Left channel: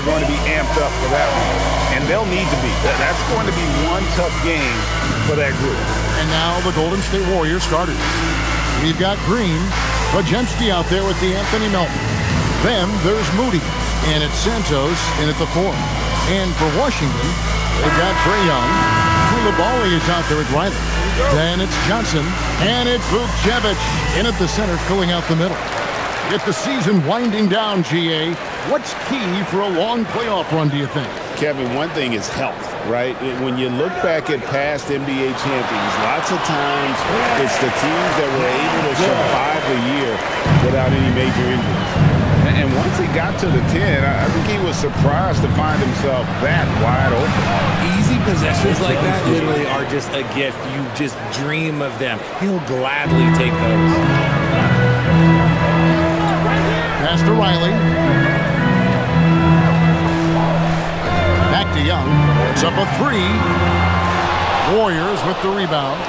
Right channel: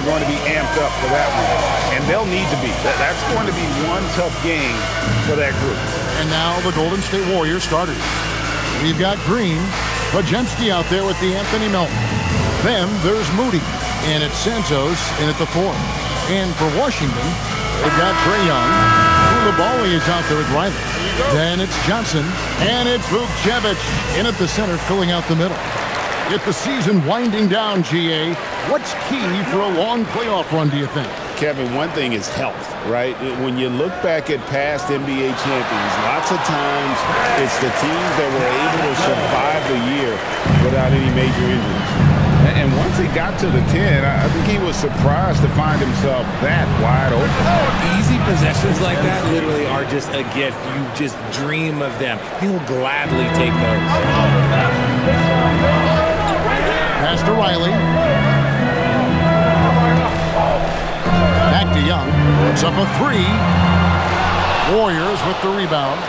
they're going to be amped up for that one. And they'll need to be. That's going to be one tough game for that group. And now the Golden State Warriors starters. We've got Green, Pajemski out there with the Anthony Melton. Then there's Moody, and it's Santos in at the 4. And for Washington, they've got Trae Young. Koulibaly is out there with Riley. Then it's Johnson, and it's Vukcevic in at the center, filling out the middle. With the season winding down, GA, what's key for a long playoff run, do you think? Kevin, one thing is health, right? When you look back at past NBA champions, lots of times it's the teams that were able to survive the year without any major injuries. And once he got to the 10, I think he was surprised to find himself that wide open. Easy possessions like that literally are just a gift. You just dream of them. He'll gladly take those. Pass to Riley. Back to Young. It's up a 3. Warriors with the rebound.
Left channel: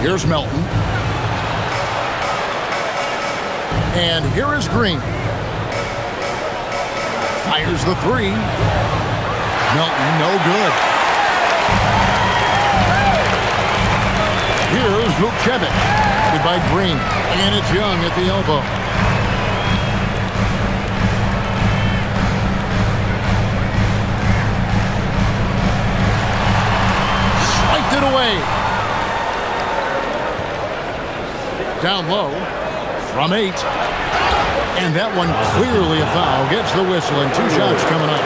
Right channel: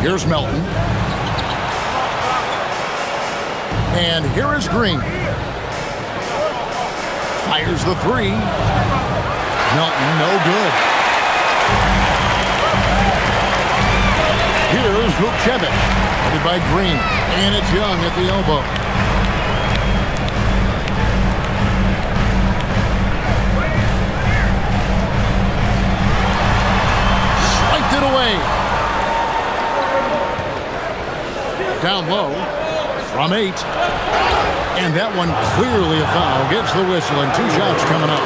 Here's Melton. And here is Green. Fires the 3. Melton, no good. Here's Vukcevic. Guarded by Green. And it's Young at the elbow. Swiped it away. Down low. From 8. And that one clearly a foul. Gets the whistle and 2 shots coming up.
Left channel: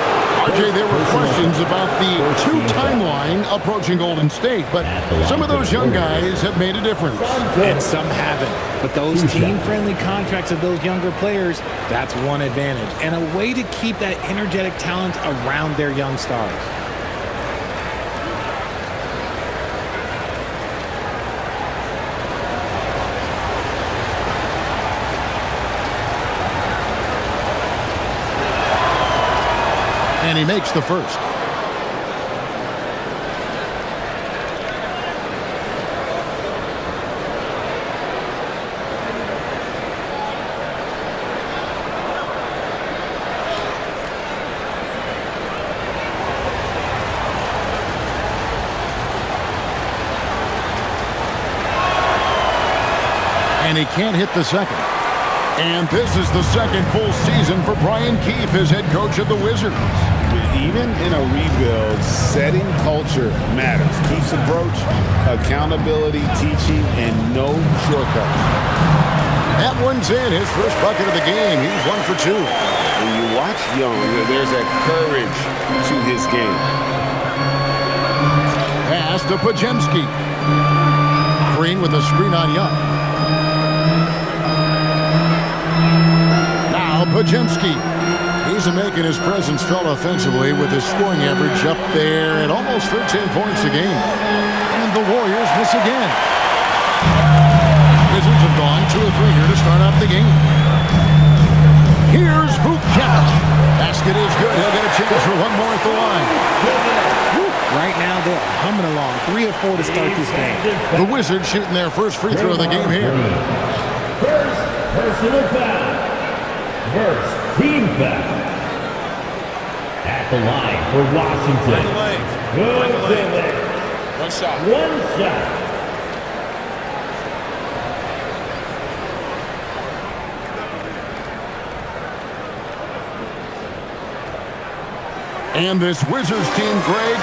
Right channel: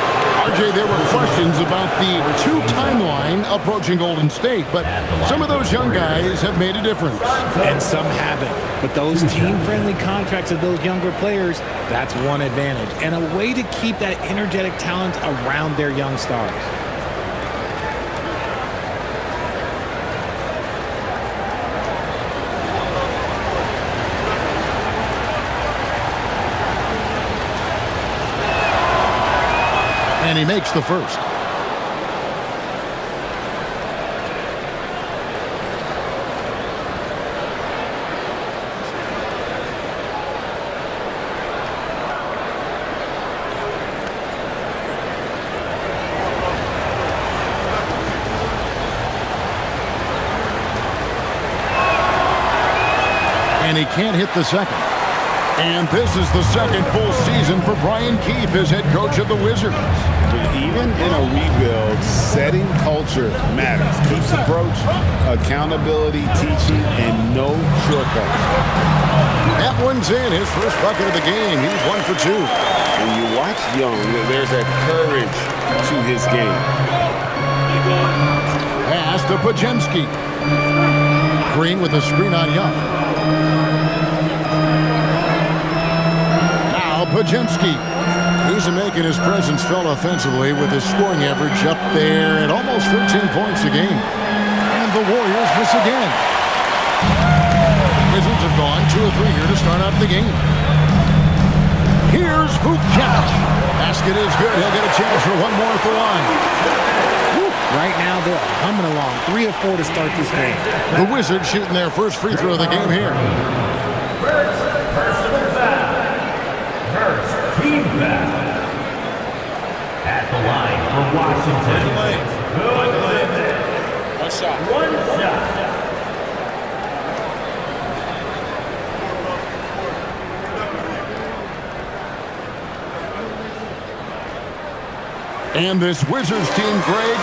RJ, there were questions about the 2 timeline approaching Golden State, but some of those young guys have made a difference. And some haven't. But those team-friendly contracts of those younger players, that's one advantage. And a way to keep that energetic talent around their young stars. And he makes the first. And he can't hit the second. And this is the second full season for Brian Keefe as head coach of the Wizards. Even in a rebuild, setting culture matters. Keefe's approach, accountability, teaching, and no shortcuts. That one's in. His first bucket of the game. He's 1 for 2. When you watch Young, there's that courage to his game. Pass to Pajemski. Green with a screen on Young. Now Pajemski. He's making his presence felt offensively with his scoring average up there at almost 13 points a game. And the Warriors miss again. Wizards have gone 2 of 3 here to start out the game. Here's Vukcevic. Basket is good. He'll get a chance for one more at the line. Right now, they're humming along. 3 of 4 to start this game. The Wizards shooting their first free throw of the game here. First personal foul. First team foul. At the line for Washington. Find the lane. One shot. One shot. And this Wizards team, Greg,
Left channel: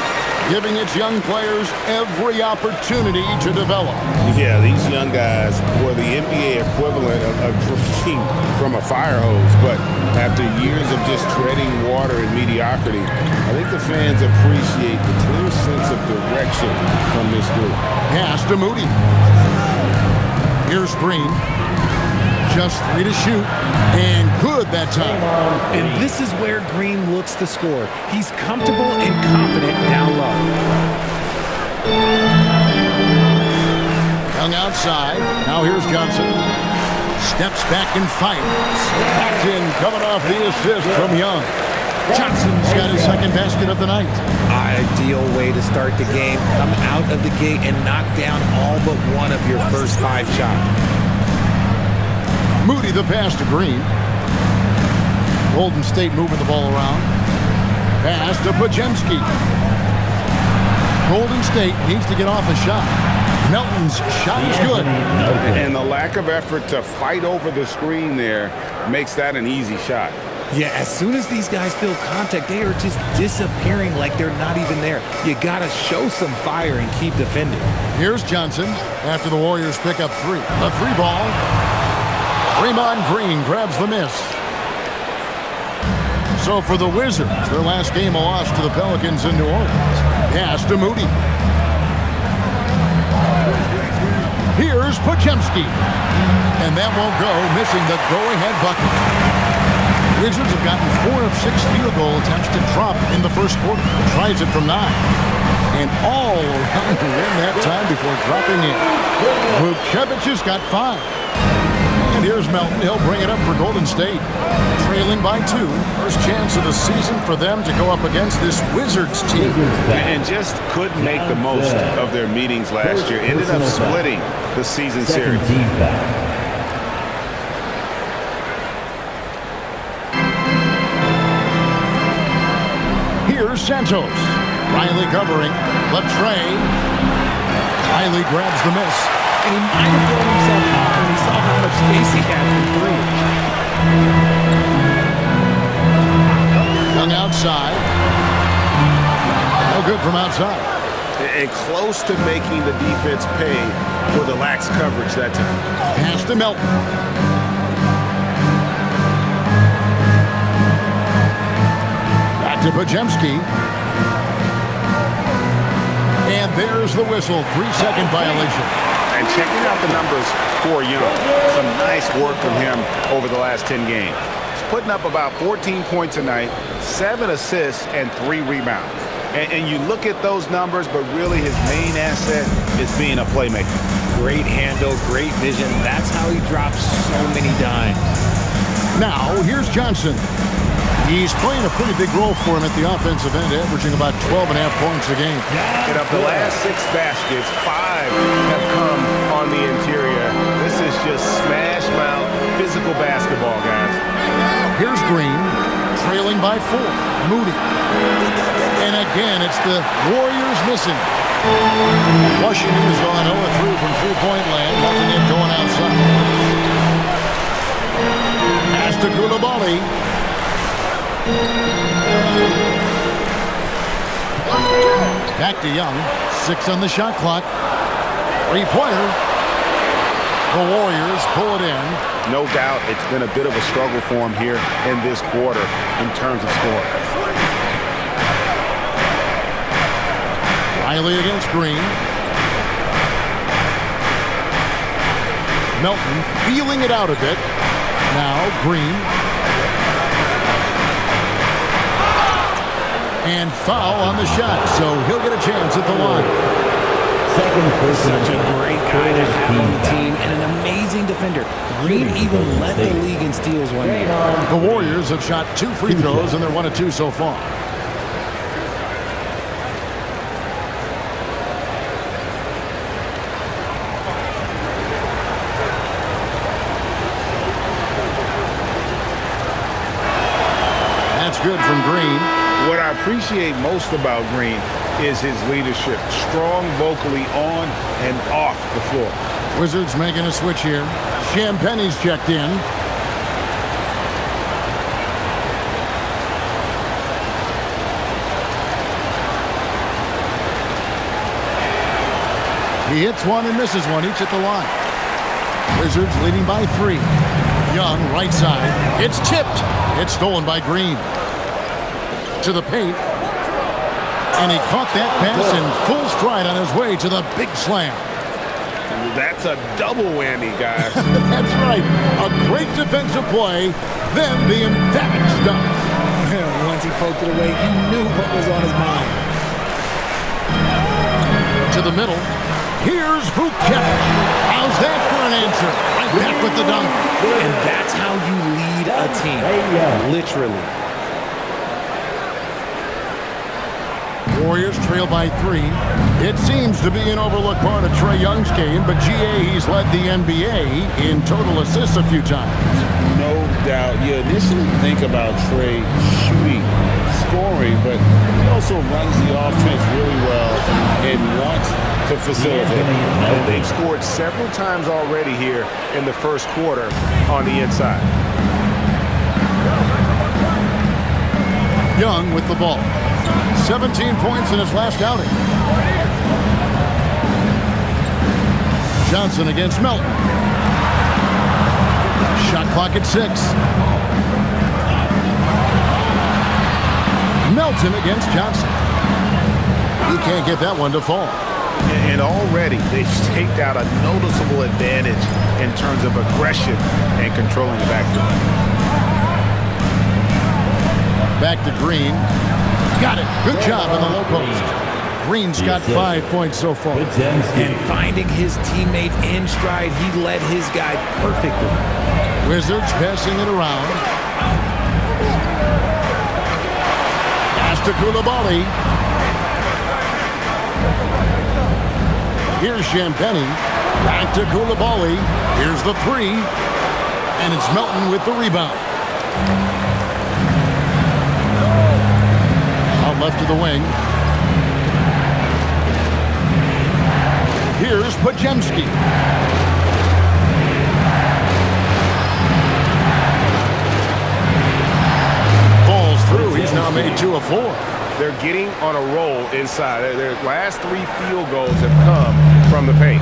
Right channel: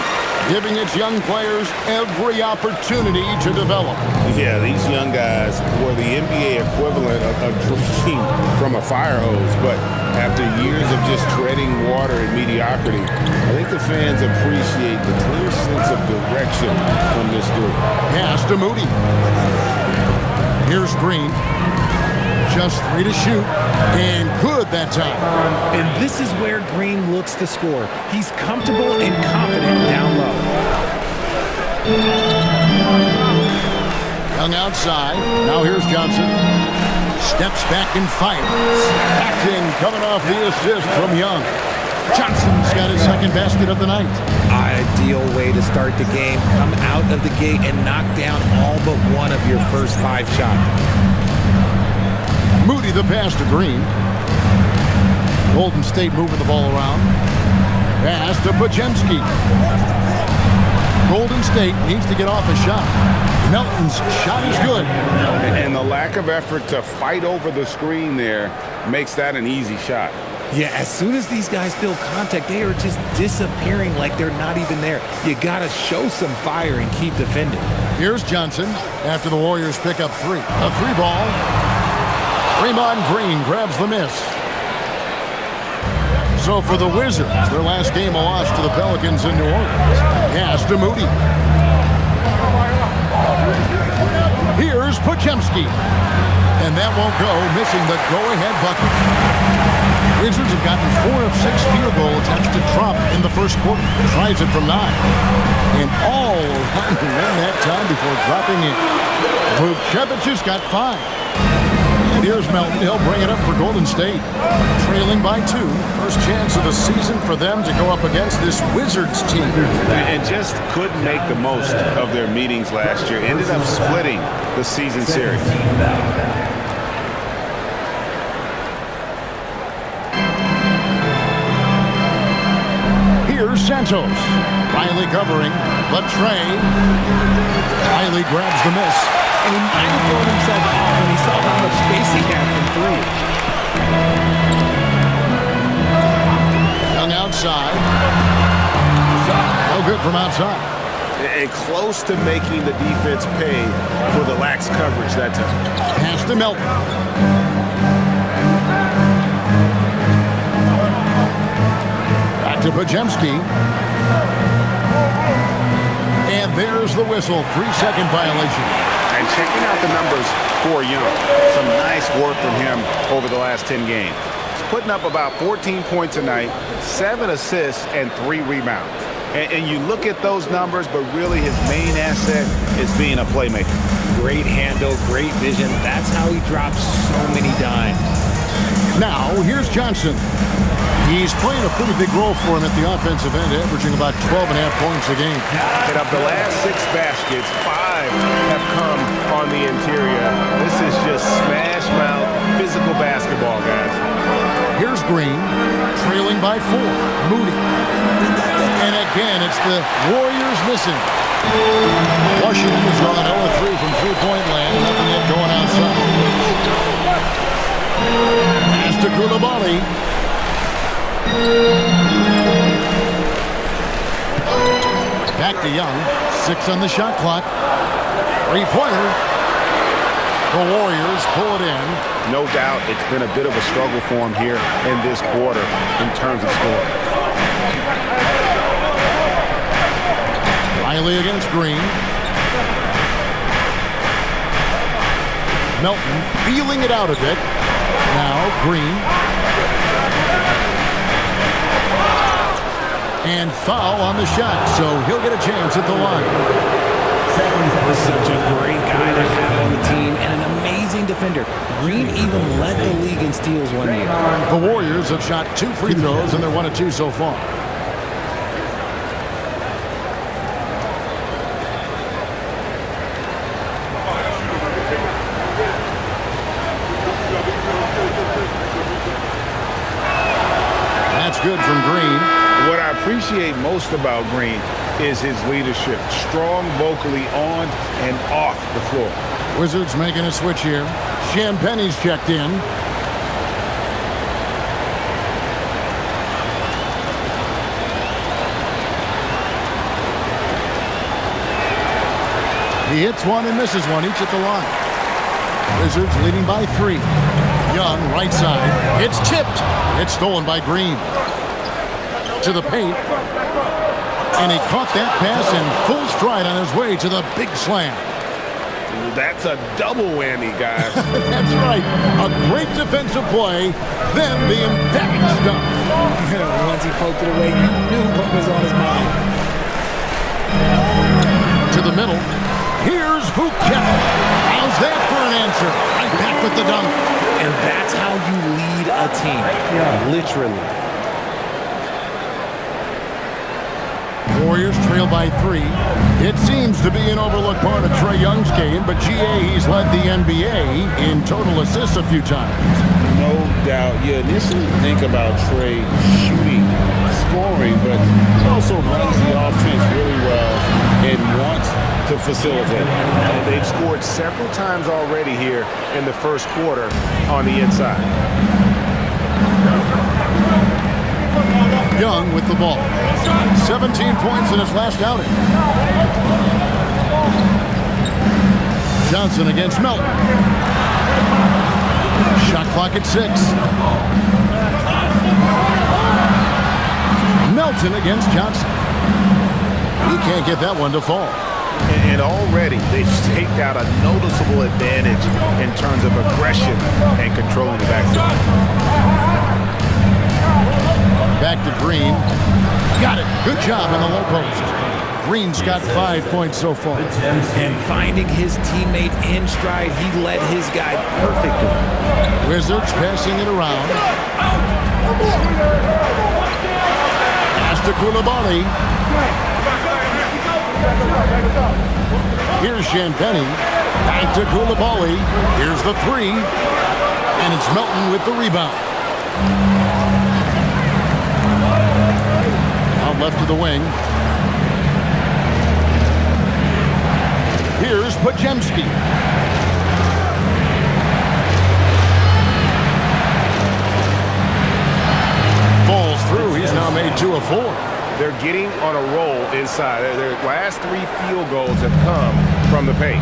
giving its young players every opportunity to develop. Yeah, these young guys were the NBA equivalent of drinking from a fire hose. But after years of just treading water and mediocrity, I think the fans appreciate the clear sense of direction from this group. Pass to Moody. Here's Green. Just 3 to shoot, and good that time. And this is where Green looks to score. He's comfortable and confident down low. Young outside. Now here's Johnson. Steps back and fires. Backed in, coming off the assist from Young. Johnson's got his second basket of the night. Ideal way to start the game. Come out of the gate and knock down all but one of your first 5 shots. Moody the pass to Green. Golden State moving the ball around. Pass to Podziemski. Golden State needs to get off a shot. Melton's shot is good. And the lack of effort to fight over the screen there makes that an easy shot. Yeah, as soon as these guys feel contact, they are just disappearing like they're not even there. You got to show some fire and keep defending. Here's Johnson after the Warriors pick up 3. A 3 ball. Draymond Green grabs the miss. So for the Wizards, their last game a loss to the Pelicans in New Orleans. Pass to Moody. Here's Podziemski. And that won't go, missing the go-ahead bucket. Wizards have gotten 4 of 6 field goal attempts to drop in the first quarter. Tries it from 9. And all around the rim that time before dropping in. Vukcevic's got 5. And here's Melton. He'll bring it up for Golden State. Trailing by 2. First chance of the season for them to go up against this Wizards team. And just couldn't make the most of their meetings last year. Ended up splitting the season series. Here's Santos. Riley covering. Latre. Riley grabs the miss. And he might have thrown himself off when he saw how much space he had from 3. Young outside. No good from outside. And close to making the defense pay for the lax coverage that time. Pass to Melton. Back to Podziemski. And there's the whistle. 3-second violation. And checking out the numbers for Young. Some nice work from him over the last 10 games. He's putting up about 14 points a night, 7 assists, and 3 rebounds. And you look at those numbers, but really his main asset is being a playmaker. Great handle, great vision. That's how he drops so many dimes. Now, here's Johnson. He's playing a pretty big role for him at the offensive end, averaging about 12.5 points a game. And of the last 6 baskets, 5 have come on the interior. This is just smash mouth, physical basketball, guys. Here's Green, trailing by 4. Moody. And again, it's the Warriors missing. Washington has gone 0-3 from three-point land. Nothing yet going outside. Pass to Koulibaly. Back to Young. 6 on the shot clock. 3-pointer. The Warriors pull it in. No doubt it's been a bit of a struggle for him here in this quarter in terms of scoring. Riley against Green. Melton feeling it out a bit. Now Green. And foul on the shot, so he'll get a chance at the line. Such a great guy to have on the team and an amazing defender. Green even led the league in steals one year. The Warriors have shot 2 free throws, and they're 1 of 2 so far. That's good from Green. What I appreciate most about Green is his leadership. Strong vocally on and off the floor. Wizards making a switch here. Champagne's checked in. He hits one and misses one, each at the line. Wizards leading by 3. Young, right side. It's tipped. It's stolen by Green. To the paint. And he caught that pass in full stride on his way to the big slam. That's a double whammy, guys. That's right. A great defensive play, then the emphatic stuff. Once he poked it away, you knew what was on his mind. To the middle. Here's Vukcevic. How's that for an answer? Right back with the dunk. And that's how you lead a team. Literally. Warriors trail by 3. It seems to be an overlooked part of Trae Young's game, but GA, he's led the NBA in total assists a few times. no doubt. You initially think about Trey shooting, scoring, but he also runs the offense really well and wants to facilitate. And they've scored several times already here in the first quarter on the inside. Young with the ball. 17 points in his last outing. Johnson against Melton. Shot clock at 6. Melton against Johnson. He can't get that one to fall. And already they've staked out a noticeable advantage in terms of aggression and controlling the backcourt. Back to Green. Got it. Good job in the low post. Green's got 5 points so far. And finding his teammate in stride, he led his guy perfectly. Wizards passing it around. Pass to Koulibaly. Here's Champagny. Back to Koulibaly. Here's the 3. And it's Melton with the rebound. Out left to the wing. Here's Podziemski. Falls through. He's now made 2 of 4. They're getting on a roll inside. Their last 3 field goals have come from the paint.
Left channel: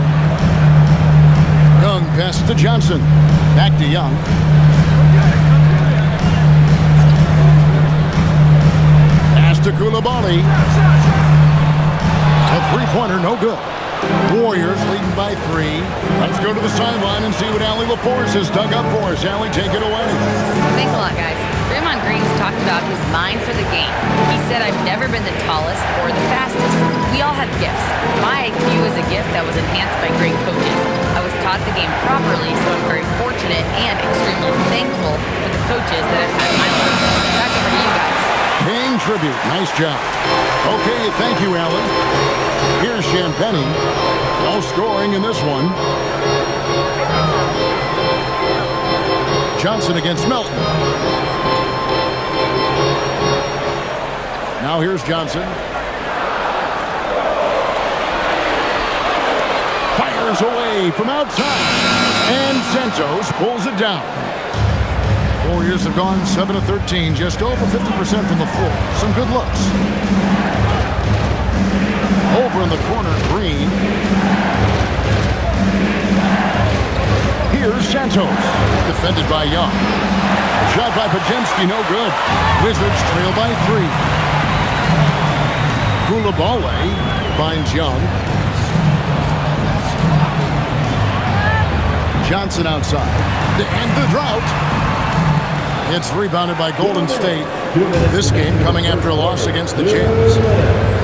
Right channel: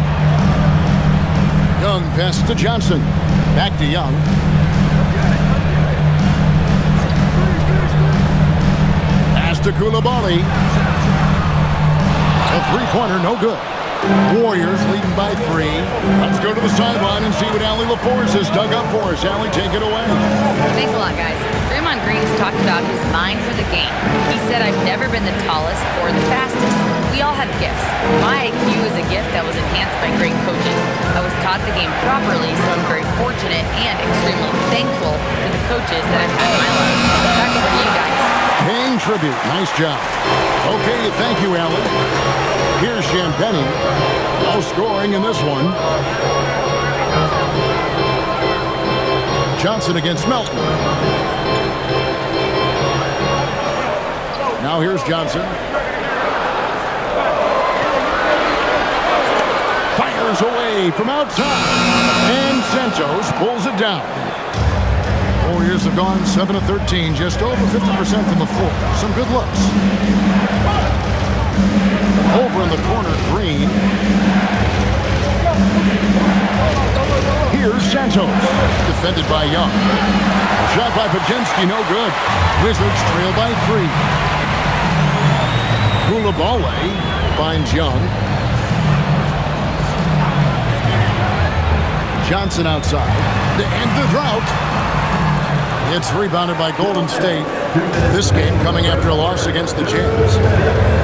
Young pass to Johnson. Back to Young. Pass to Koulibaly. A three-pointer, no good. Warriors leading by 3. Let's go to the sideline and see what Allie LaForce has dug up for us. Allie, take it away. Thanks a lot, guys. Draymond Green's talked about his mind for the game. He said, I've never been the tallest or the fastest. We all have gifts. My IQ is a gift that was enhanced by great coaches. I was taught the game properly, so I'm very fortunate and extremely thankful for the coaches that I've had in my life. Back over to you guys. Paying tribute. Nice job. Okay, thank you, Allie. Here's Champagny. No scoring in this one. Johnson against Melton. Now here's Johnson. Fires away from outside. And Santos pulls it down. Warriors have gone 7 of 13, just over 50% from the floor. Some good looks. Over in the corner, Green. Here's Santos. Defended by Young. Shot by Podziemski, no good. Wizards trail by 3. Koulibaly finds Young. Johnson outside. To end the drought. It's rebounded by Golden State. This game coming after a loss against the Jazz.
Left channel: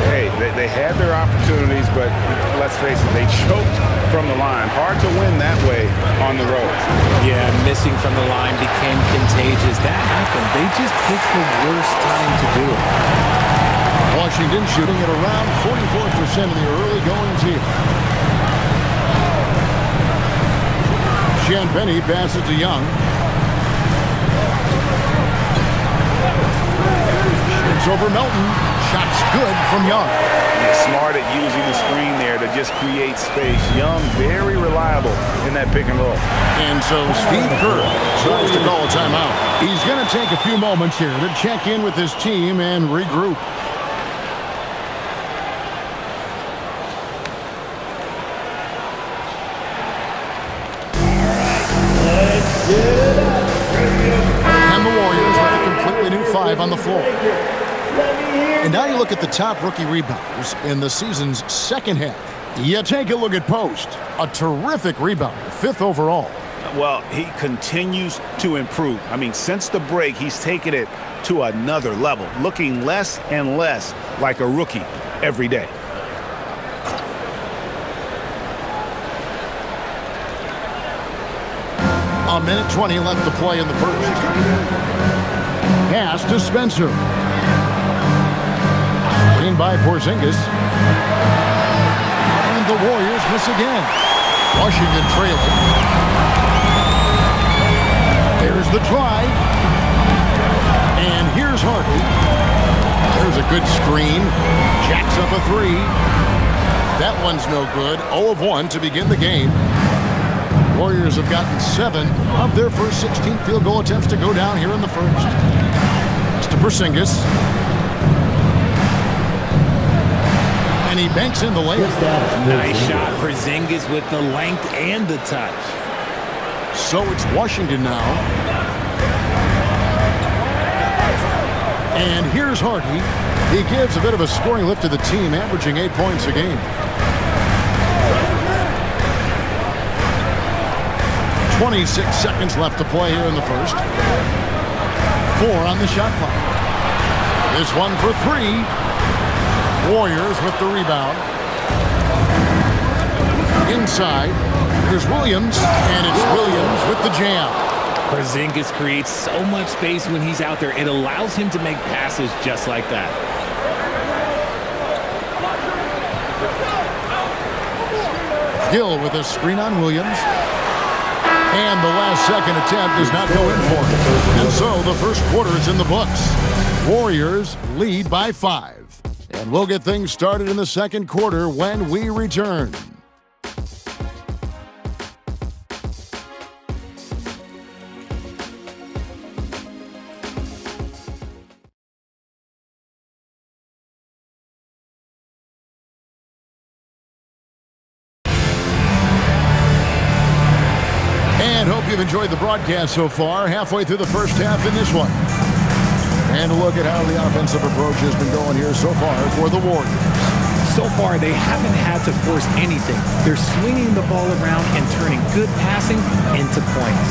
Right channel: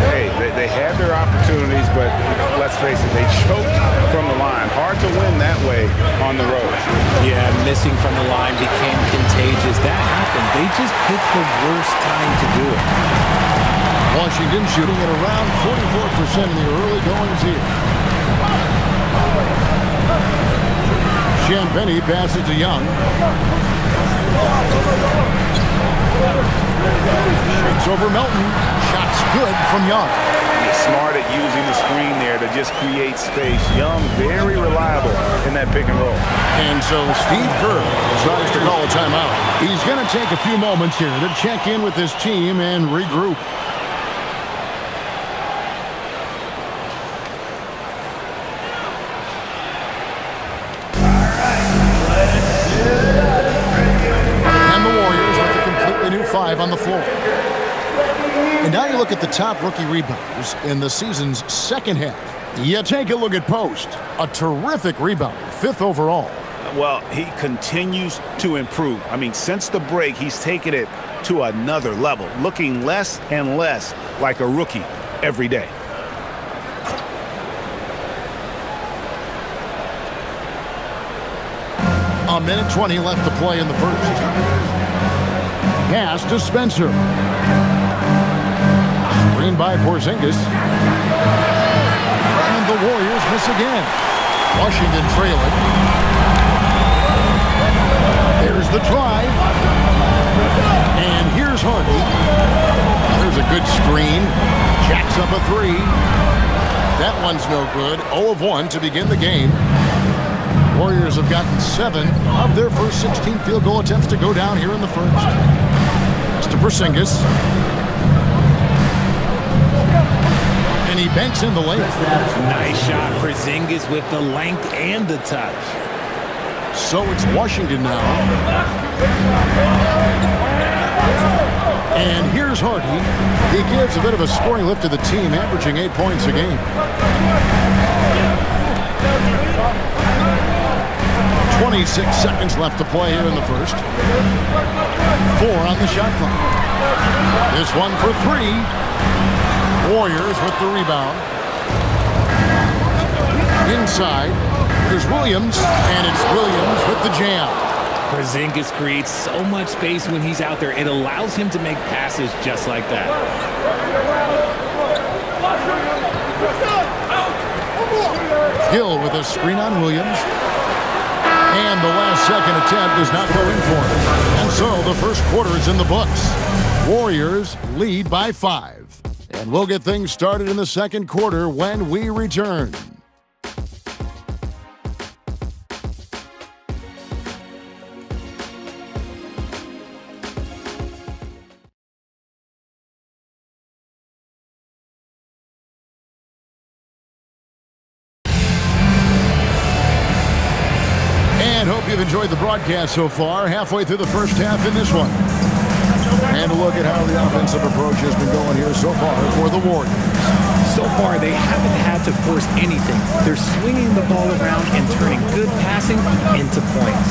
Hey, they had their opportunities, but let's face it, they choked from the line. Hard to win that way on the road. Yeah, missing from the line became contagious. That happened. They just picked the worst time to do it. Washington shooting at around 44% in the early goings here. Champagny passes to Young. Shoots over Melton. Shot's good from Young. He's smart at using the screen there to just create space. Young, very reliable in that pick and roll. And so Steve Kerr decides to call a timeout. He's going to take a few moments here to check in with his team and regroup. And the Warriors with a completely new 5 on the floor. And now you look at the top rookie rebounders in the season's second half. You take a look at Post, a terrific rebounder, 5th overall. Well, he continues to improve. I mean, since the break, he's taken it to another level, looking less and less like a rookie every day. A minute 20 left to play in the first. Pass to Spencer. Screen by Porzingis. And the Warriors miss again. Washington trailing. Here's the drive. And here's Hardy. There's a good screen. Jacks up a three. That one's no good. 0 of 1 to begin the game. Warriors have gotten 7 of their first 16 field goal attempts to go down here in the first. That's to Porzingis. And he banks in the layup. Nice shot. Porzingis with the length and the touch. So it's Washington now. And here's Hardy. He gives a bit of a scoring lift to the team, averaging 8 points a game. 26 seconds left to play here in the first. 4 on the shot clock. This one for 3. Warriors with the rebound. Inside. Here's Williams, and it's Williams with the jam. Porzingis creates so much space when he's out there. It allows him to make passes just like that. Gill with a screen on Williams. And the last second attempt does not go in for him. And so the first quarter is in the books. Warriors lead by 5. And we'll get things started in the second quarter when we return. And hope you've enjoyed the broadcast so far. Halfway through the first half in this one. And a look at how the offensive approach has been going here so far for the Warriors. So far, they haven't had to force anything. They're swinging the ball around and turning good passing into points.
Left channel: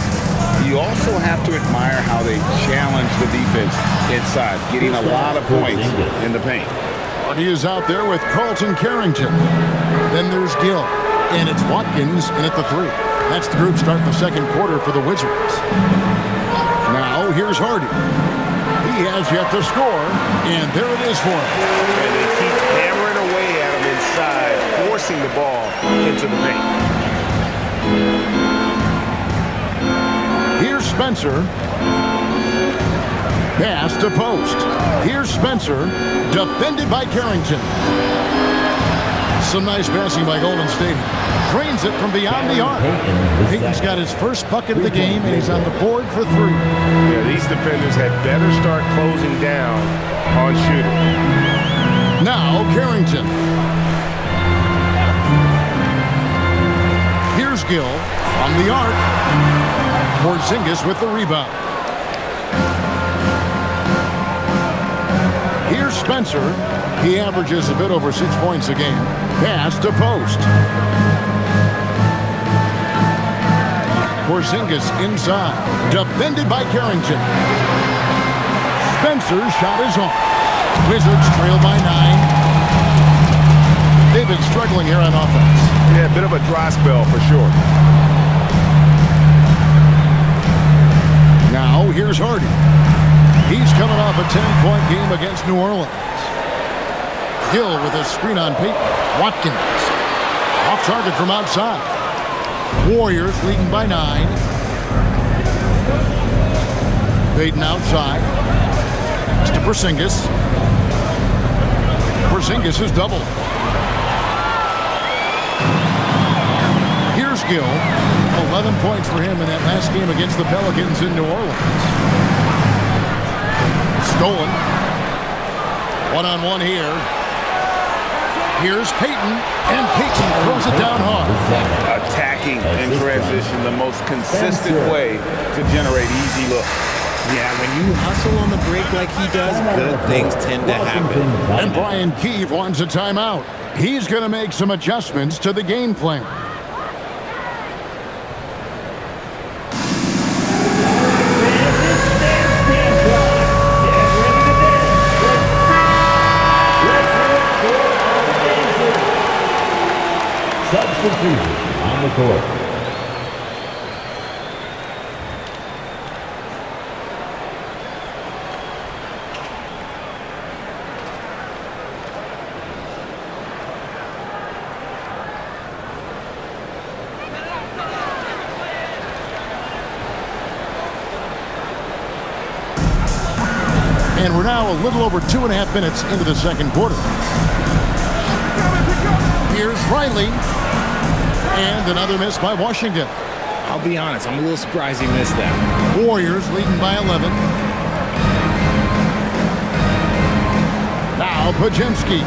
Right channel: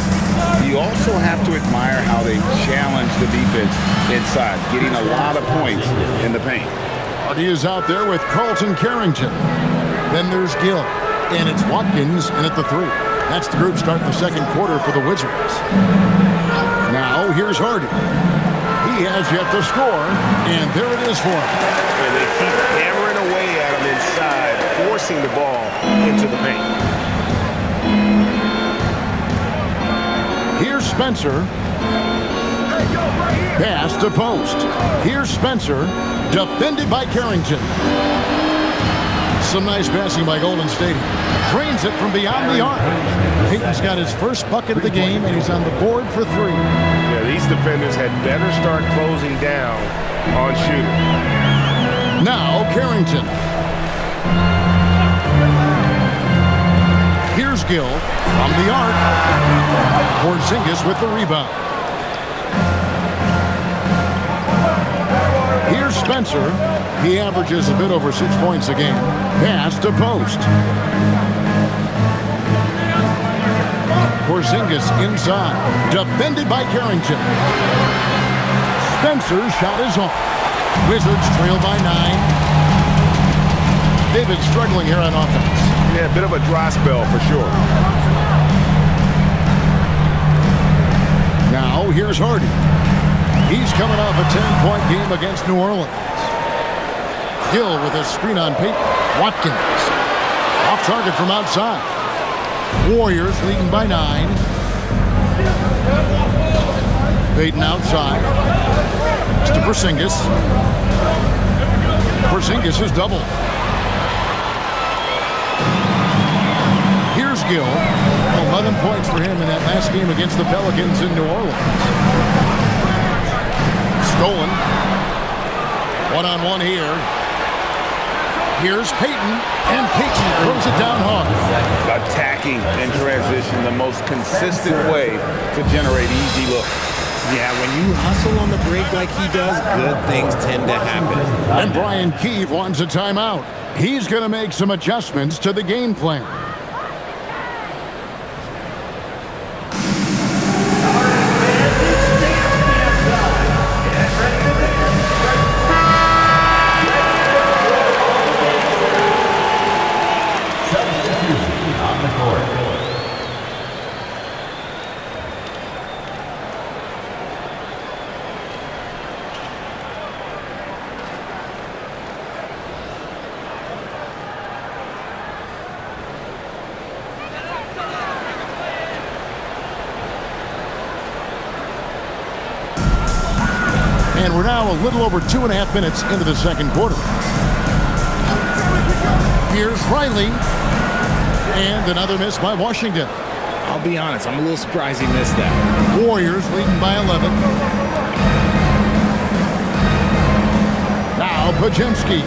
You also have to admire how they challenge the defense inside, getting a lot of points in the paint. Hardy is out there with Carlton Carrington. Then there's Gill. And it's Watkins in at the 3. That's the group starting the second quarter for the Wizards. Now, here's Hardy. He has yet to score, and there it is for him. And they keep hammering away at him inside, forcing the ball into the paint. Here's Spencer. Pass to post. Here's Spencer, defended by Carrington. Some nice passing by Golden State. Drains it from beyond the arc. Payton's got his first bucket of the game, and he's on the board for 3. Yeah, these defenders had better start closing down on shooting. Now Carrington. Here's Gill from the arc. Porzingis with the rebound. Here's Spencer. He averages a bit over 6 points a game. Pass to post. Porzingis inside. Defended by Carrington. Spencer's shot is off. Wizards trail by 9. They've been struggling here on offense. Yeah, a bit of a dry spell for sure. Now here's Hardy. He's coming off a 10-point game against New Orleans. Gill with a screen on Payton. Watkins. Off target from outside. Warriors leading by 9. Payton outside. It's to Porzingis. Porzingis is doubled. Here's Gill. 11 points for him in that last game against the Pelicans in New Orleans. Stolen. One-on-one here. Here's Payton, and Payton throws it down hard. Attacking in transition, the most consistent way to generate easy looks. Yeah, when you hustle on the break like he does, good things tend to happen. And Brian Keefe wants a timeout. He's going to make some adjustments to the game plan. On the court. And we're now a little over 2.5 minutes into the second quarter. Here's Riley. And another miss by Washington. I'll be honest, I'm a little surprised he missed that. Warriors leading by 11. Now Pajemski.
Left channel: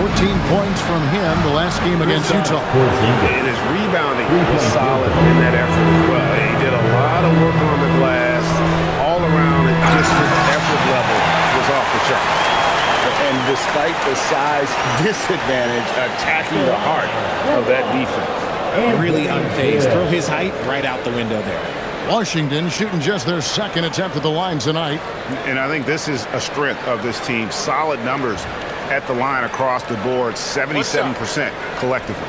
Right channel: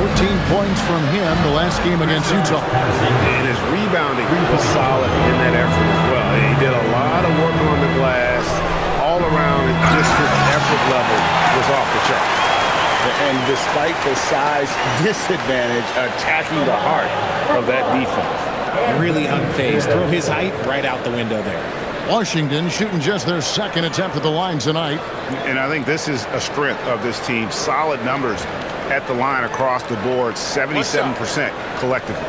14 points from him the last game against Utah. And his rebounding was solid in that effort as well. He did a lot of work on the glass all around, and just his effort level was off the charts. And despite the size disadvantage, attacking the heart of that defense. Really unfazed. Throw his height right out the window there. Washington shooting just their second attempt at the line tonight. And I think this is a strength of this team. Solid numbers at the line across the board, 77% collectively.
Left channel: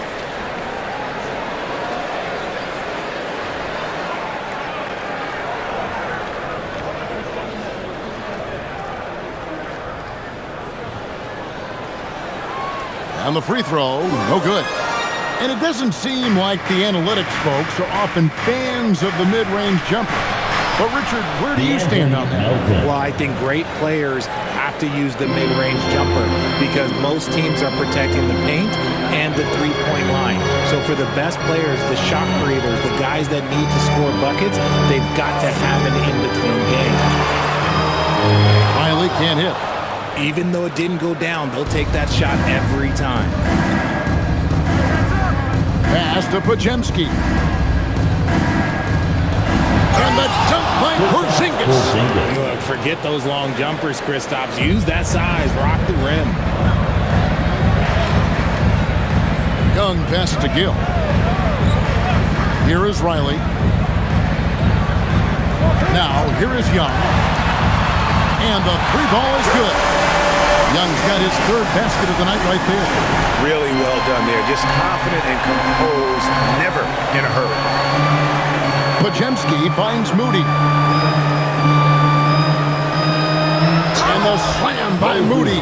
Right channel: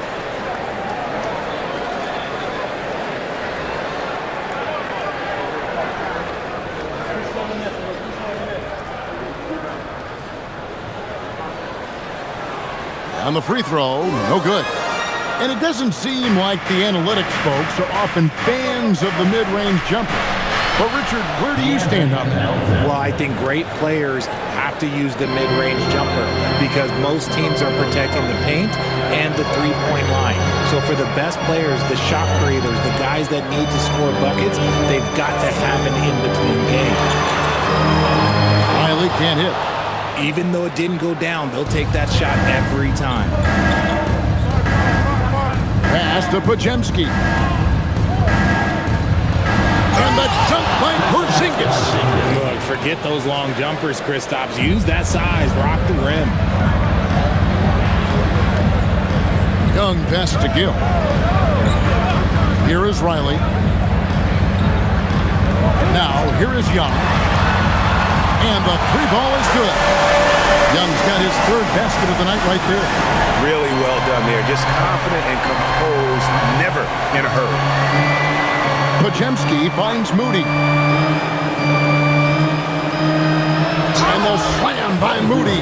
On the free throw, no good. And it doesn't seem like the analytics folks are often fans of the mid-range jumper. But, Richard, where do you stand on that? Well, I think great players have to use the mid-range jumper because most teams are protecting the paint and the three-point line. So for the best players, the shot creators, the guys that need to score buckets, they've got to have an in-between game. Riley can't hit. Even though it didn't go down, they'll take that shot every time. Pass to Pajemski. And the dunk by Porzingis. Look, forget those long jumpers, Kristaps. Use that size. Rock the rim. Young pass to Gill. Here is Riley. Now, here is Young. And the three ball is good. Young's got his third basket of the night right there. Really well done there. Just confident and composed, never in a hurry. Pajemski finds Moody. And the slam by Moody.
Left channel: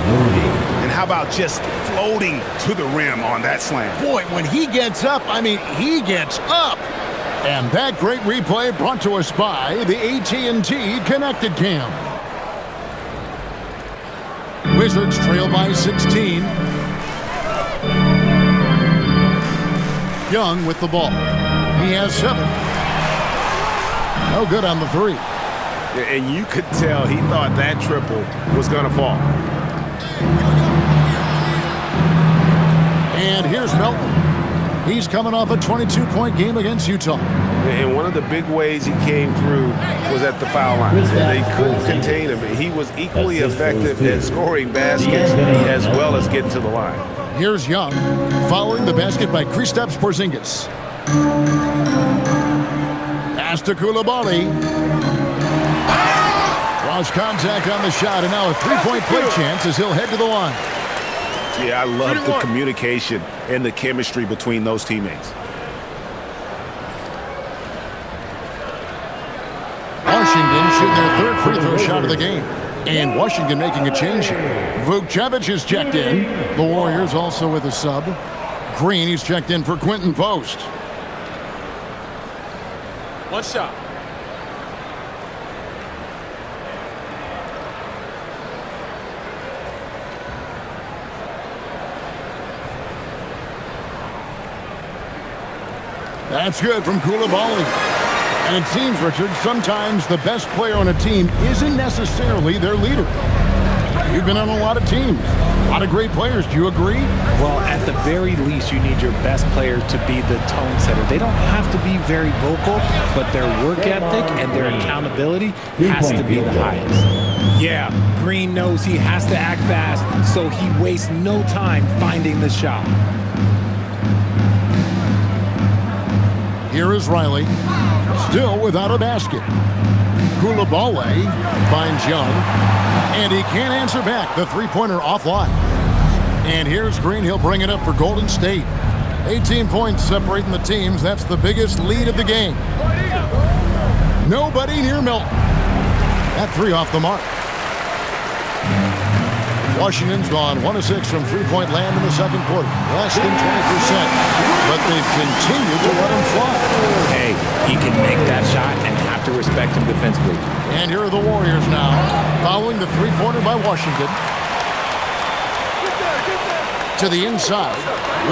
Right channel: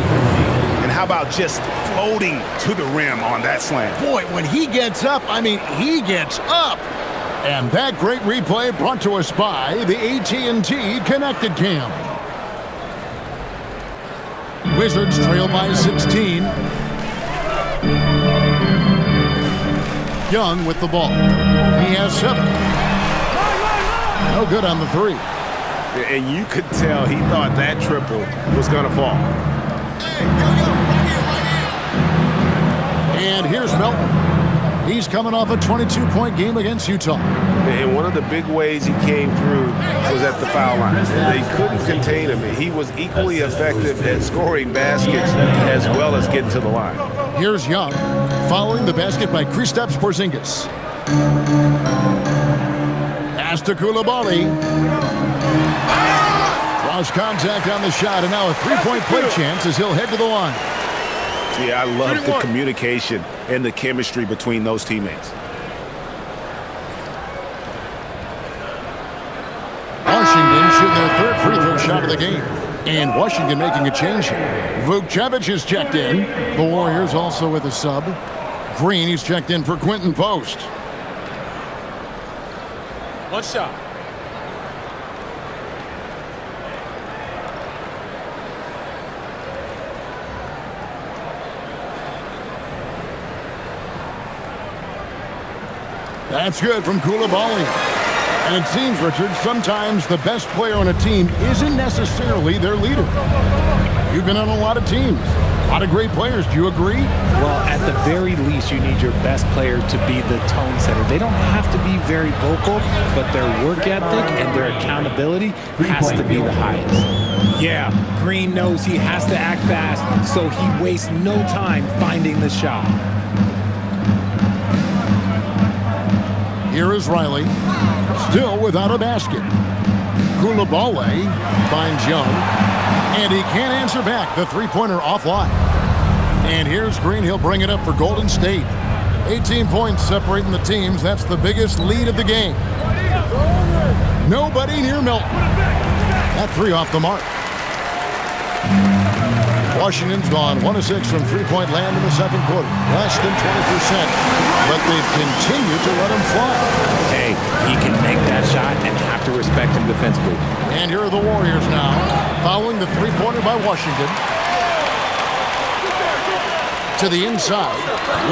And how about just floating to the rim on that slam? Boy, when he gets up, I mean, he gets up. And that great replay brought to us by the AT&T Connected Cam. Wizards trail by 16. Young with the ball. He has 7. No good on the 3. And you could tell he thought that triple was going to fall. And here's Melton. He's coming off a 22-point game against Utah. And one of the big ways he came through was at the foul line. And they couldn't contain him. He was equally effective at scoring baskets as well as getting to the line. Here's Young, following the basket by Kristaps Porzingis. Pass to Koulibaly. Cross contact on the shot, and now a three-point play chance as he'll head to the line. Yeah, I love the communication and the chemistry between those teammates. Washington shooting their third free throw shot of the game. And Washington making a change here. Vukcevic is checked in. The Warriors also with a sub. Green, he's checked in for Quentin Post. One shot. That's good from Koulibaly. And it seems, Richard, sometimes the best player on a team isn't necessarily their leader. You've been on a lot of teams. A lot of great players. Do you agree? Well, at the very least, you need your best player to be the tone setter. They don't have to be very vocal, but their work ethic and their accountability has to be the highest. Yeah, Green knows he has to act fast, so he wastes no time finding the shot. Here is Riley, still without a basket. Koulibaly finds Young, and he can't answer back. The three-pointer offline. And here's Green. He'll bring it up for Golden State. 18 points separating the teams. That's the biggest lead of the game. Nobody near Milton. That three off the mark. Washington's gone 1 of 6 from three-point land in the second quarter. Less than 20%. But they've continued to let him fly. Hey, he can make that shot and have to respect him defensively. And here are the Warriors now, following the three-pointer by Washington. To the inside,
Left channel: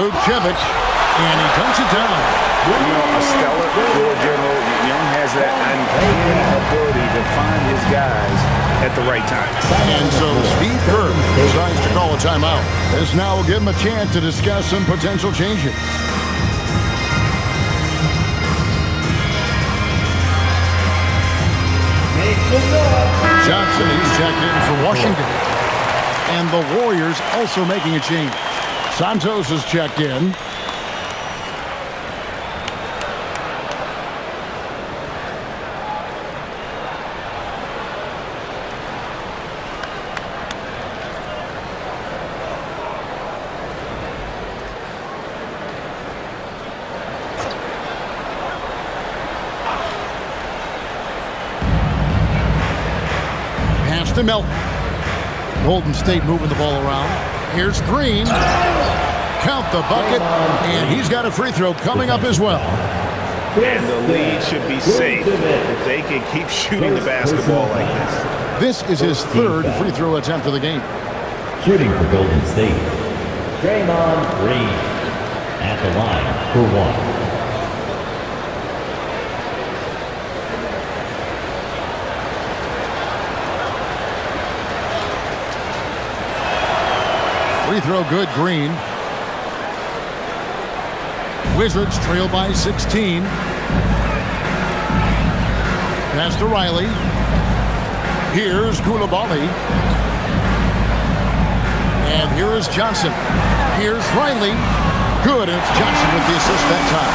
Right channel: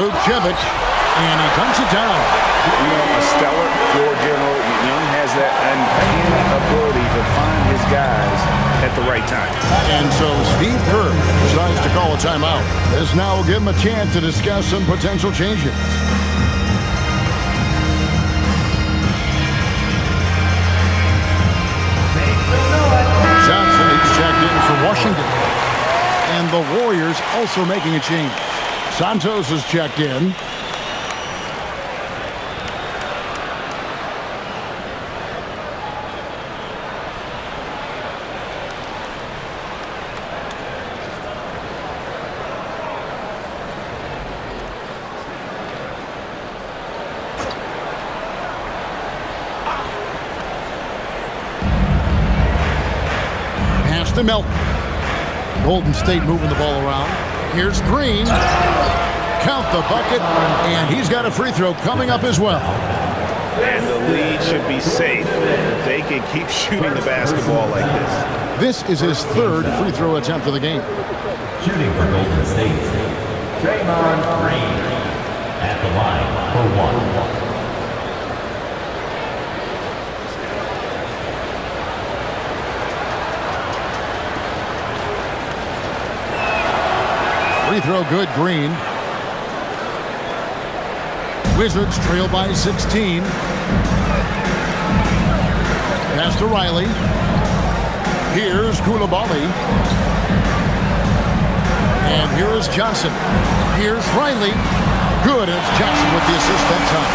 Vucevic, and he dunks it down. You know, a stellar floor general. Young has that uncanny ability to find his guys at the right time. And so Steve Kerr decides to call a timeout. This now will give him a chance to discuss some potential changes. Johnson, he's checked in for Washington. And the Warriors also making a change. Santos is checked in. Pass to Melton. Golden State moving the ball around. Here's Green. Count the bucket, and he's got a free throw coming up as well. And the lead should be safe if they can keep shooting the basketball like this. This is his third free throw attempt of the game. Shooting for Golden State, Draymond Green at the line for one. Free throw good, Green. Wizards trail by 16. Pass to Riley. Here's Koulibaly. And here is Johnson. Here's Riley. Good, and it's Johnson with the assist that time.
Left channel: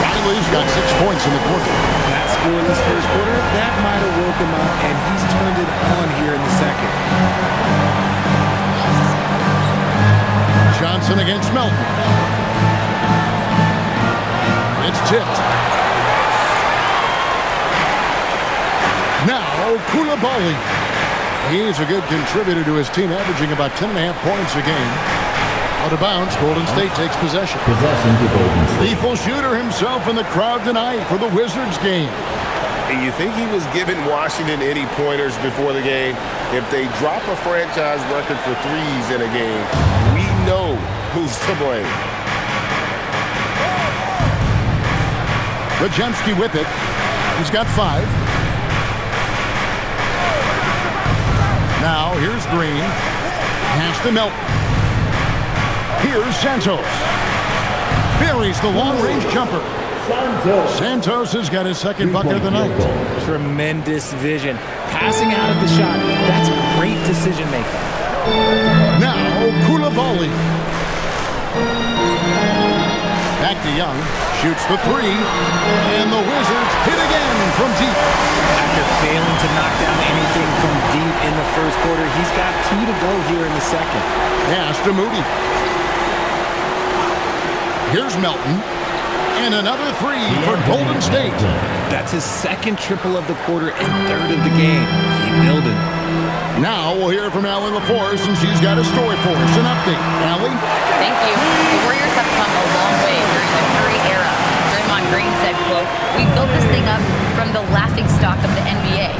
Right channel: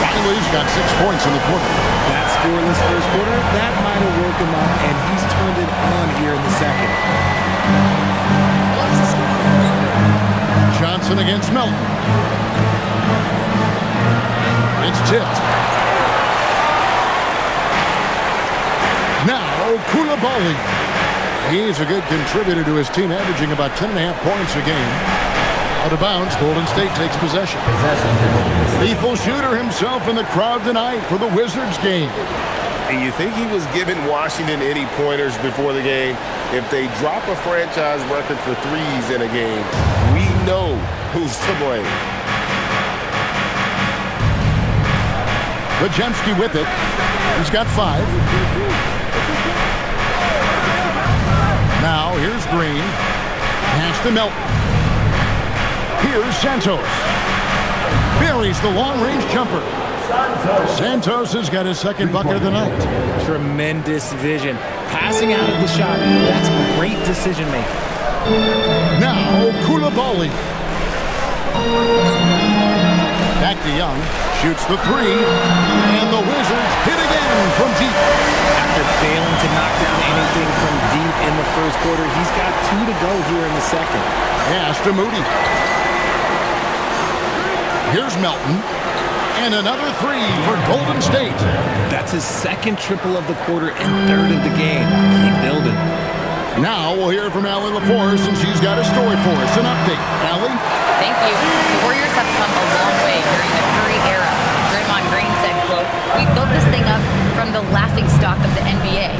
Riley's got 6 points in the quarter. That scoreless first quarter, that might have woke him up, and he's turned it on here in the second. Johnson against Melton. It's tipped. Now Koulibaly. He's a good contributor to his team, averaging about 10.5 points a game. Out of bounds, Golden State takes possession. Possession to Golden State. Lethal shooter himself in the crowd tonight for the Wizards game. And you think he was giving Washington any pointers before the game? If they drop a franchise record for threes in a game, we know who's to blame. Bajemski with it. He's got 5. Now here's Green. Pass to Melton. Here's Santos. Buries the long-range jumper. Santos has got his second bucket of the night. Tremendous vision. Passing out of the shot. That's great decision making. Now Koulibaly. Back to Young. Shoots the 3. And the Wizards hit again from deep. After failing to knock down anything from deep in the first quarter, he's got 2 to go here in the second. Pass to Moody. Here's Melton. And another 3 for Golden State. That's his second triple of the quarter and third of the game. Keep building. Now we'll hear from Allie LaForce, and she's got a story for us. An update. Allie? Thank you. The Warriors have come a long way during the Curry era. Draymond Green said, quote, "We built this thing up from the laughingstock of the NBA.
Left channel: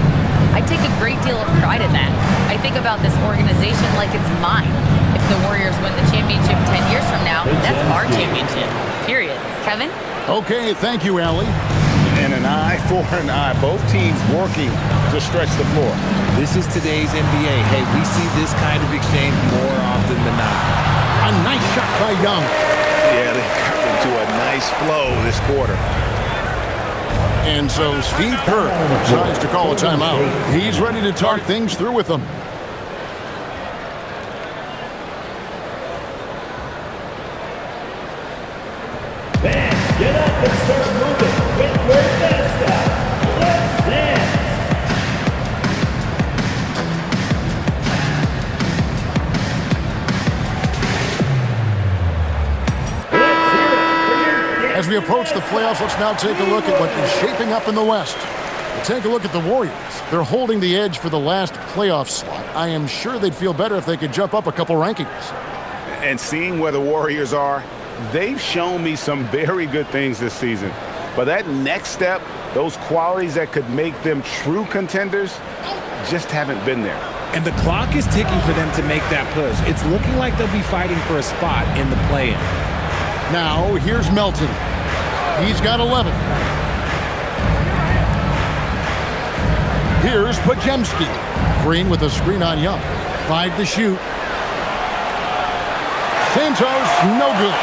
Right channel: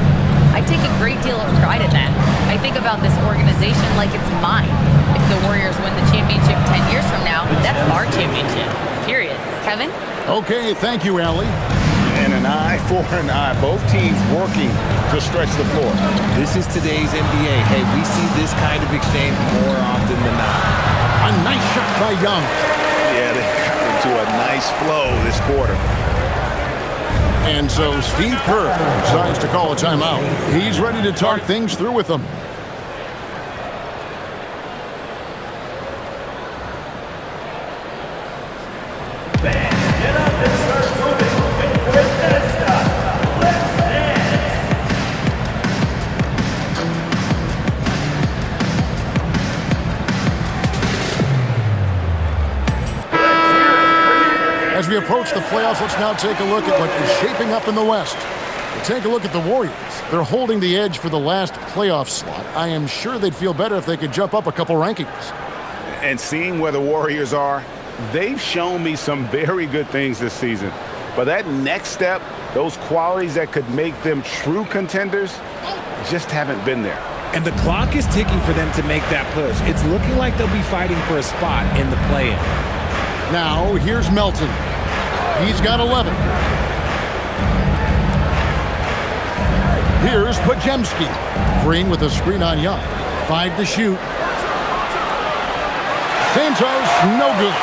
I take a great deal of pride in that. I think about this organization like it's mine. If the Warriors win the championship 10 years from now, that's our championship. Period." Kevin? Okay, thank you, Allie. And an eye for an eye. Both teams working to stretch the floor. This is today's NBA. Hey, we see this kind of exchange more often than not. A nice shot by Young. Yeah, they've gotten into a nice flow this quarter. And so Steve Kerr decides to call a timeout. He's ready to talk things through with them. Fans, get up and start moving with your mascot. Let's dance. As we approach the playoffs, let's now take a look at what is shaping up in the West. Take a look at the Warriors. They're holding the edge for the last playoff slot. I am sure they'd feel better if they could jump up a couple rankings. And seeing where the Warriors are, they've shown me some very good things this season. But that next step, those qualities that could make them true contenders, just haven't been there. And the clock is ticking for them to make that push. It's looking like they'll be fighting for a spot in the play-in. Now, here's Melton. He's got 11. Here's Pajemski. Green with a screen on Young. 5 to shoot. Santos, no good.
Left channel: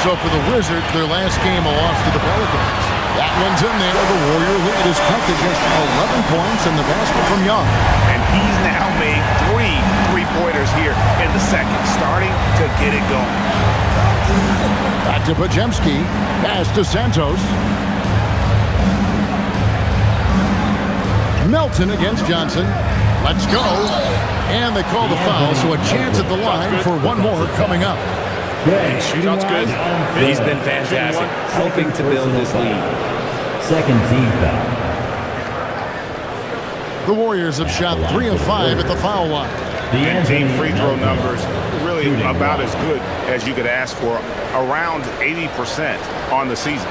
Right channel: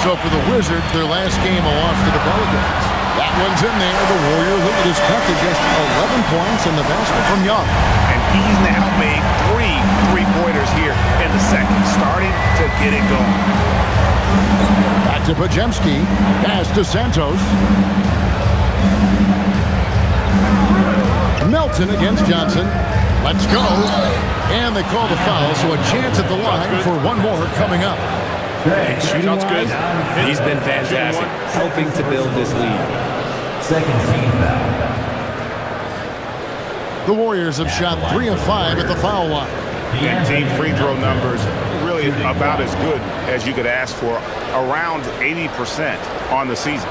So for the Wizards, their last game, a loss to the Pelicans. That one's in there. The Warrior lead is cut to just 11 points in the basket from Young. And he's now made 3 3-pointers here in the second, starting to get it going. Back to Pajemski. Pass to Santos. Melton against Johnson. Let's go. And they call the foul, so a chance at the line for one more coming up. And shooting-wise, he's been fantastic, helping to build this lead. Second team foul. The Warriors have shot 3 of 5 at the foul line. And team free throw numbers really about as good as you could ask for, around 80% on the season.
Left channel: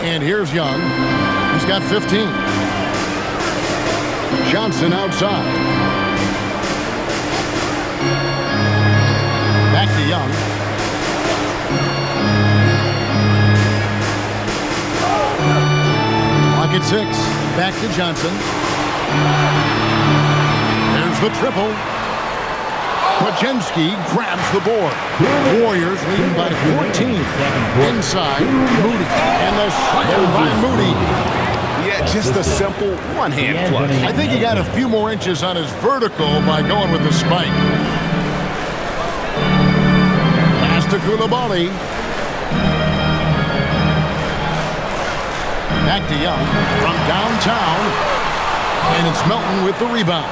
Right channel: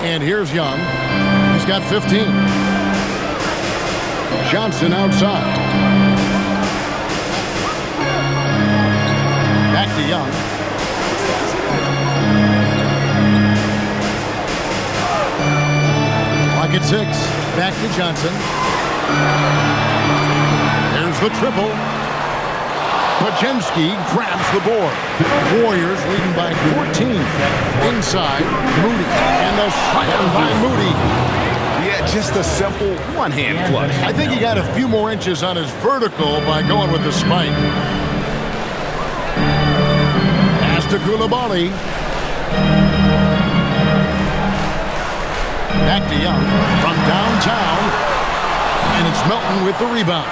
And here's Young. He's got 15. Johnson outside. Back to Young. Clock at 6. Back to Johnson. There's the triple. Pajemski grabs the board. Warriors leading by 14. Inside, Moody. And the slam by Moody. Yeah, just a simple one-hand flush. I think he got a few more inches on his vertical by going with the spike. Pass to Koulibaly. Back to Young from downtown. And it's Melton with the rebound.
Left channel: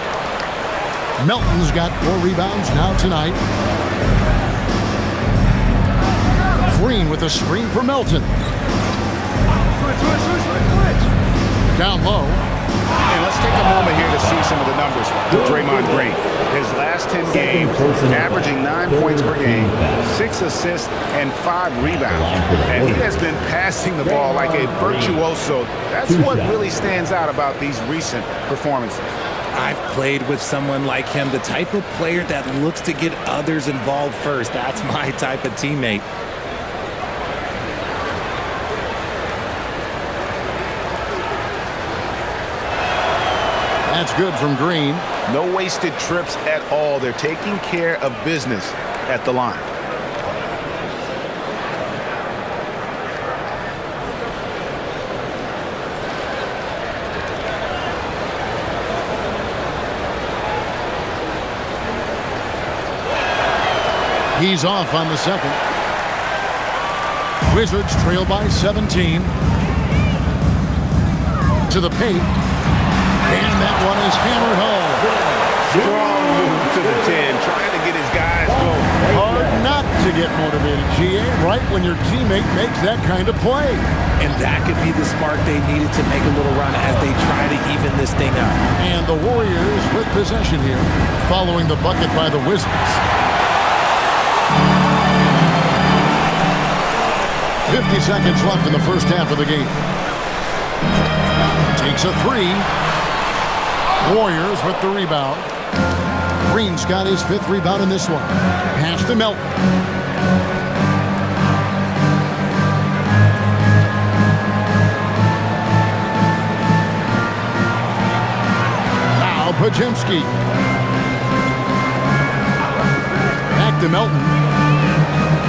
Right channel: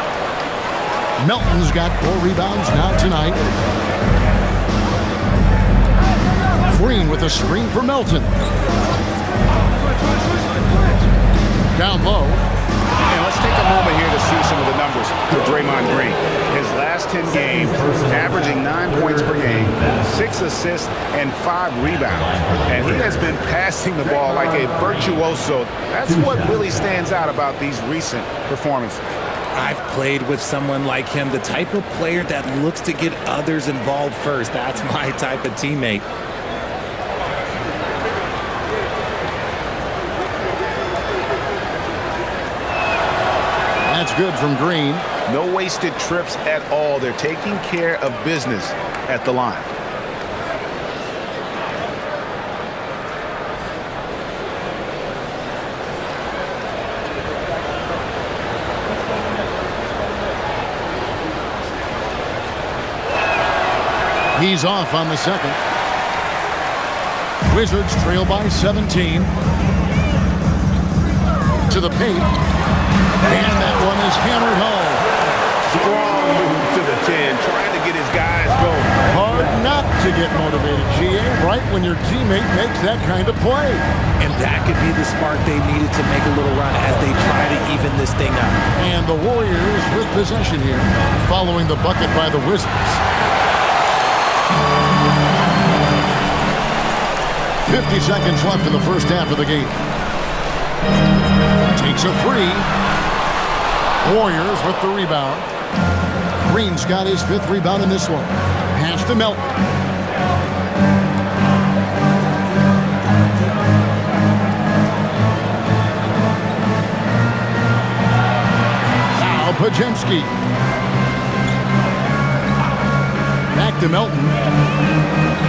Melton's got 4 rebounds now tonight. Green with a screen for Melton. Down low. And let's take a moment here to see some of the numbers for Draymond Green. His last 10 games, averaging 9 points per game, 6 assists, and 5 rebounds. And he has been passing the ball like a virtuoso. That's what really stands out about these recent performances. I've played with someone like him, the type of player that looks to get others involved first. That's my type of teammate. That's good from Green. No wasted trips at all. They're taking care of business at the line. He's off on the second. Wizards trail by 17. To the paint. And that one is hammered home. Strong move to the 10, trying to get his guys going. Hard not to get motivated, GA, right when your teammate makes that kind of play. And that could be the spark they needed to make a little run as they try to even this thing up. And the Warriors with possession here, following the bucket by the Wizards. 50 seconds left in the first half of the game. Takes a 3. Warriors with the rebound. Green's got his 5th rebound in this one. Pass to Melton. Now Pajemski. Back to Melton.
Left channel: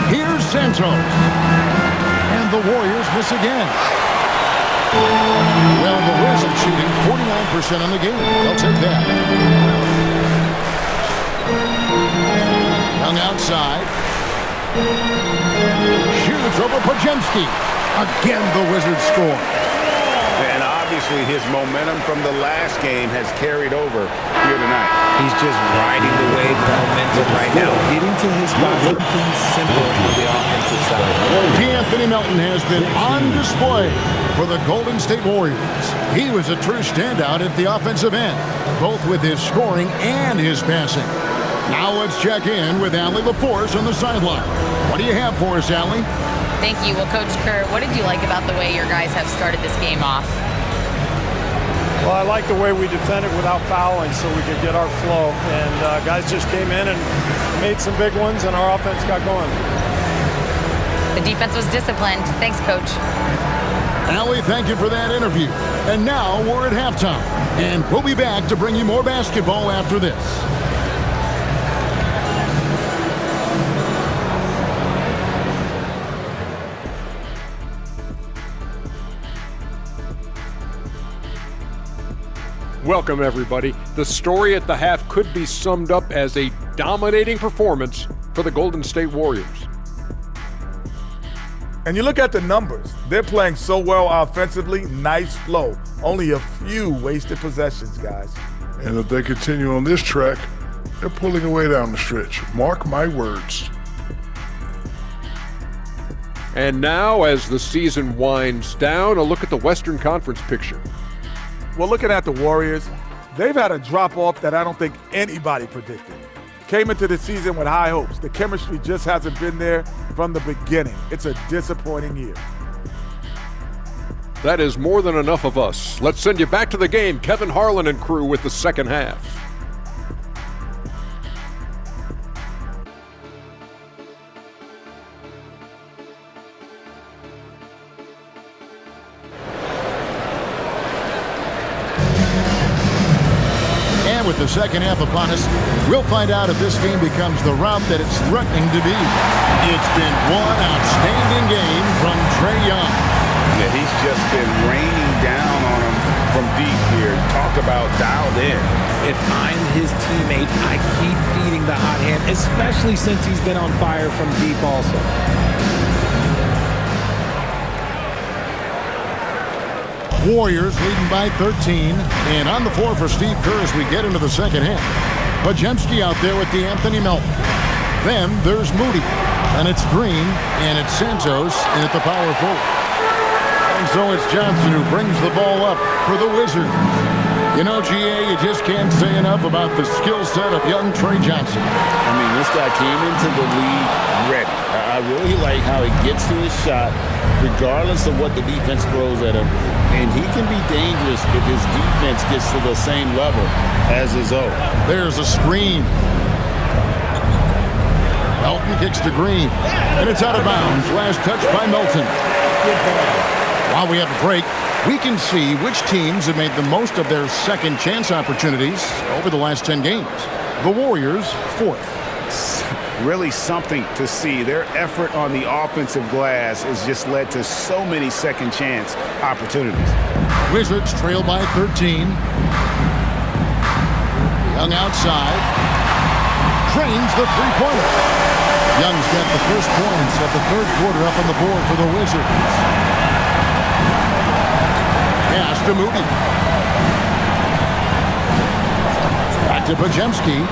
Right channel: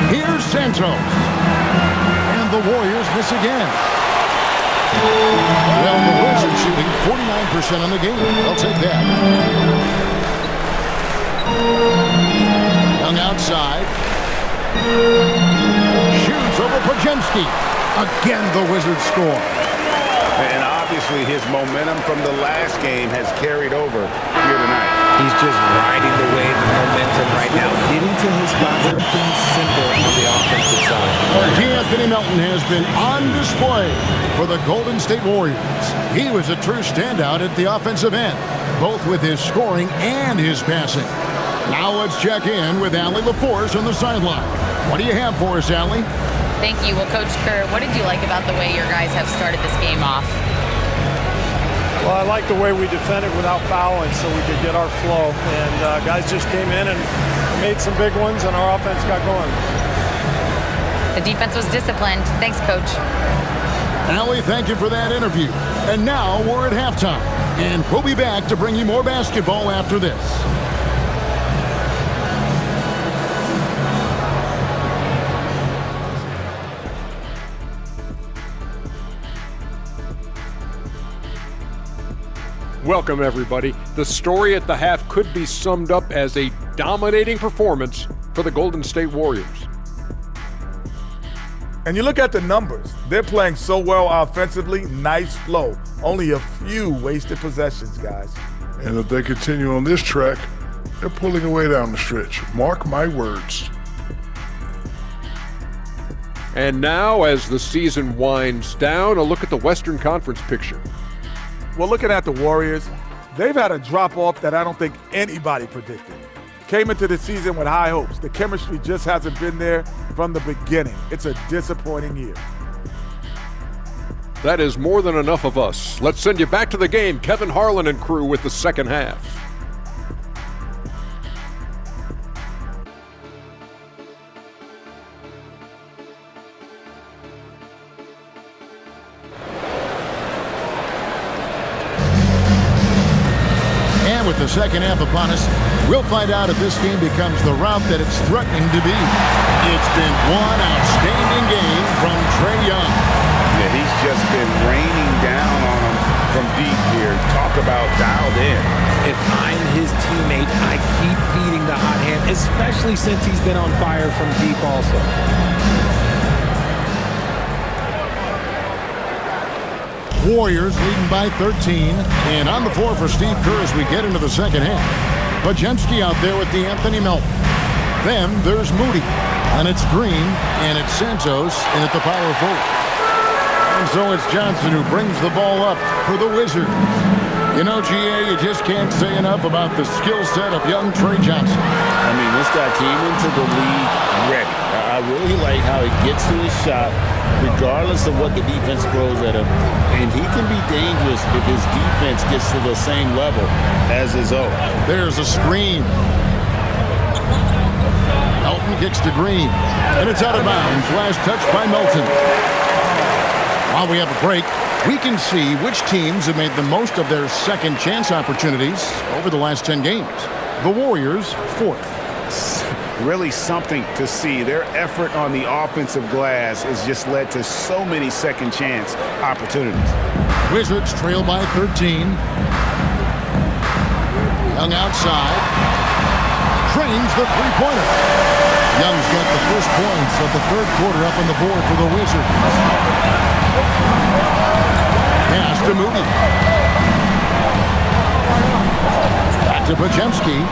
Here's Santos. And the Warriors miss again. Well, the Wizards shooting 49% on the game. They'll take that. Young outside. Shoots over Pajemski. Again, the Wizards score. And obviously his momentum from the last game has carried over here tonight. He's just riding the wave of momentum right now. Getting to his spots, something simple on the offensive side. D'Anthony Melton has been on display for the Golden State Warriors. He was a true standout at the offensive end, both with his scoring and his passing. Now let's check in with Allie LaForce on the sideline. What do you have for us, Allie? Thank you. Well, Coach Kerr, what did you like about the way your guys have started this game off? Well, I like the way we defended without fouling so we could get our flow. And guys just came in and made some big ones, and our offense got going. The defense was disciplined. Thanks, Coach. Allie, thank you for that interview. And now we're at halftime. And we'll be back to bring you more basketball after this. Welcome, everybody. The story at the half could be summed up as a dominating performance for the Golden State Warriors. And you look at the numbers. They're playing so well offensively. Nice flow. Only a few wasted possessions, guys. And if they continue on this track, they're pulling away down the stretch. Mark my words. And now, as the season winds down, a look at the Western Conference picture. Well, looking at the Warriors, they've had a drop-off that I don't think anybody predicted. Came into the season with high hopes. The chemistry just hasn't been there from the beginning. It's a disappointing year. That is more than enough of us. Let's send you back to the game. Kevin Harlan and crew with the second half. And with the second half upon us, we'll find out if this game becomes the route that it's threatening to be. It's been one outstanding game from Trae Young. Yeah, he's just been raining down on him from deep here. Talk about dialed in. If I'm his teammate, I keep feeding the hot hand, especially since he's been on fire from deep also. Warriors leading by 13. And on the floor for Steve Kerr as we get into the second half. Pajemski out there with D'Anthony Melton. Then there's Moody. And it's Green. And it's Santos in at the power forward. And so it's Johnson who brings the ball up for the Wizards. You know, GA, you just can't say enough about the skill set of young Trae Johnson. I mean, this guy came into the league ready. I really like how he gets to his shot, regardless of what the defense throws at him. And he can be dangerous if his defense gets to the same level as his own. There's a screen. Melton kicks to Green. And it's out of bounds. Last touch by Melton. While we have a break, we can see which teams have made the most of their second chance opportunities over the last 10 games. The Warriors, fourth. Really something to see. Their effort on the offensive glass has just led to so many second chance opportunities. Wizards trail by 13. Young outside. Trains the three-pointer. Young's got the first points of the third quarter up on the board for the Wizards. Pass to Moody. Back to Pajemski.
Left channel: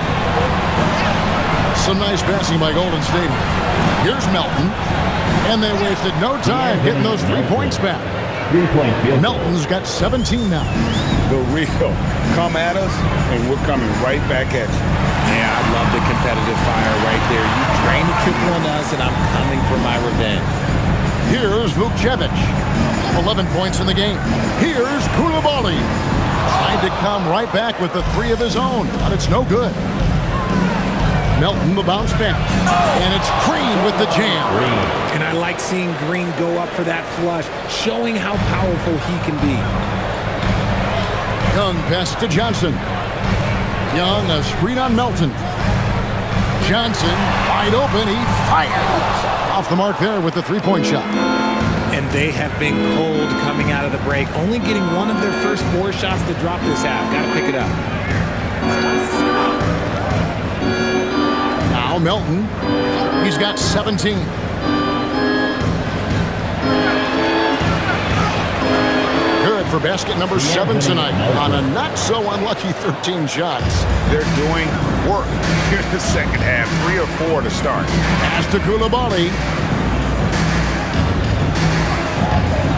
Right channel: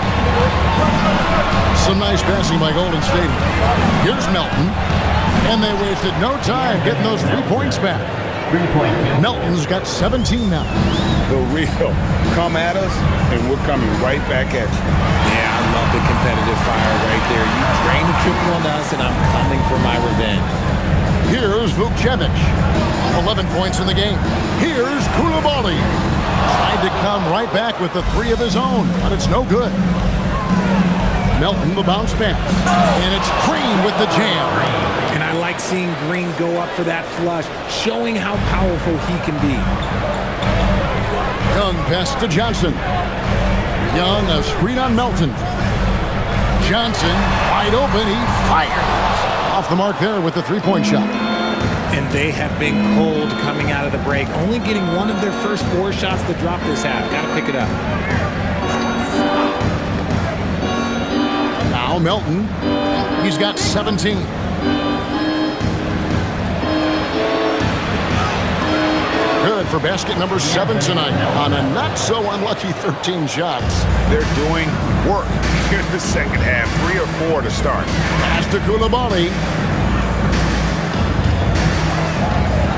Some nice passing by Golden State. Here's Melton. And they wasted no time getting those 3 points back. 3-point field. Melton's got 17 now. The real come at us, and we're coming right back at you. Yeah, I love the competitive fire right there. You drain a triple on us, and I'm coming for my revenge. Here's Vukcevic. 11 points in the game. Here's Koulibaly. Tried to come right back with the three of his own, but it's no good. Melton the bounce pass. And it's Green with the jam. And I like seeing Green go up for that flush, showing how powerful he can be. Young pass to Johnson. Young, a screen on Melton. Johnson, wide open, he fires. Off the mark there with the three-point shot. And they have been cold coming out of the break, only getting one of their first 4 shots to drop this half. Got to pick it up. Now Melton. He's got 17. Good for basket number 7 tonight on a not-so-unlucky 13 shots. They're doing work here in the second half. 3 or 4 to start. Pass to Coulibaly.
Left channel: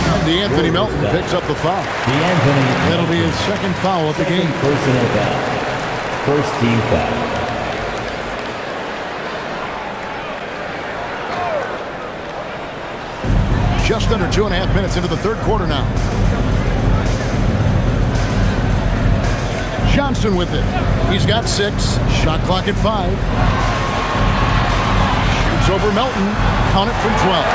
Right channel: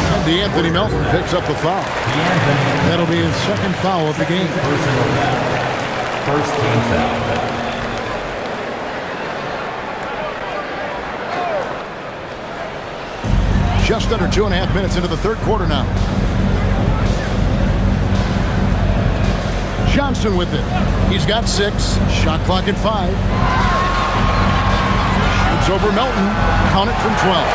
And DeAnthony Melton picks up the foul. That'll be his second foul of the game. Personal foul. First team foul. Just under 2.5 minutes into the third quarter now. Johnson with it. He's got 6. Shot clock at 5. Shoots over Melton. Count it from 12.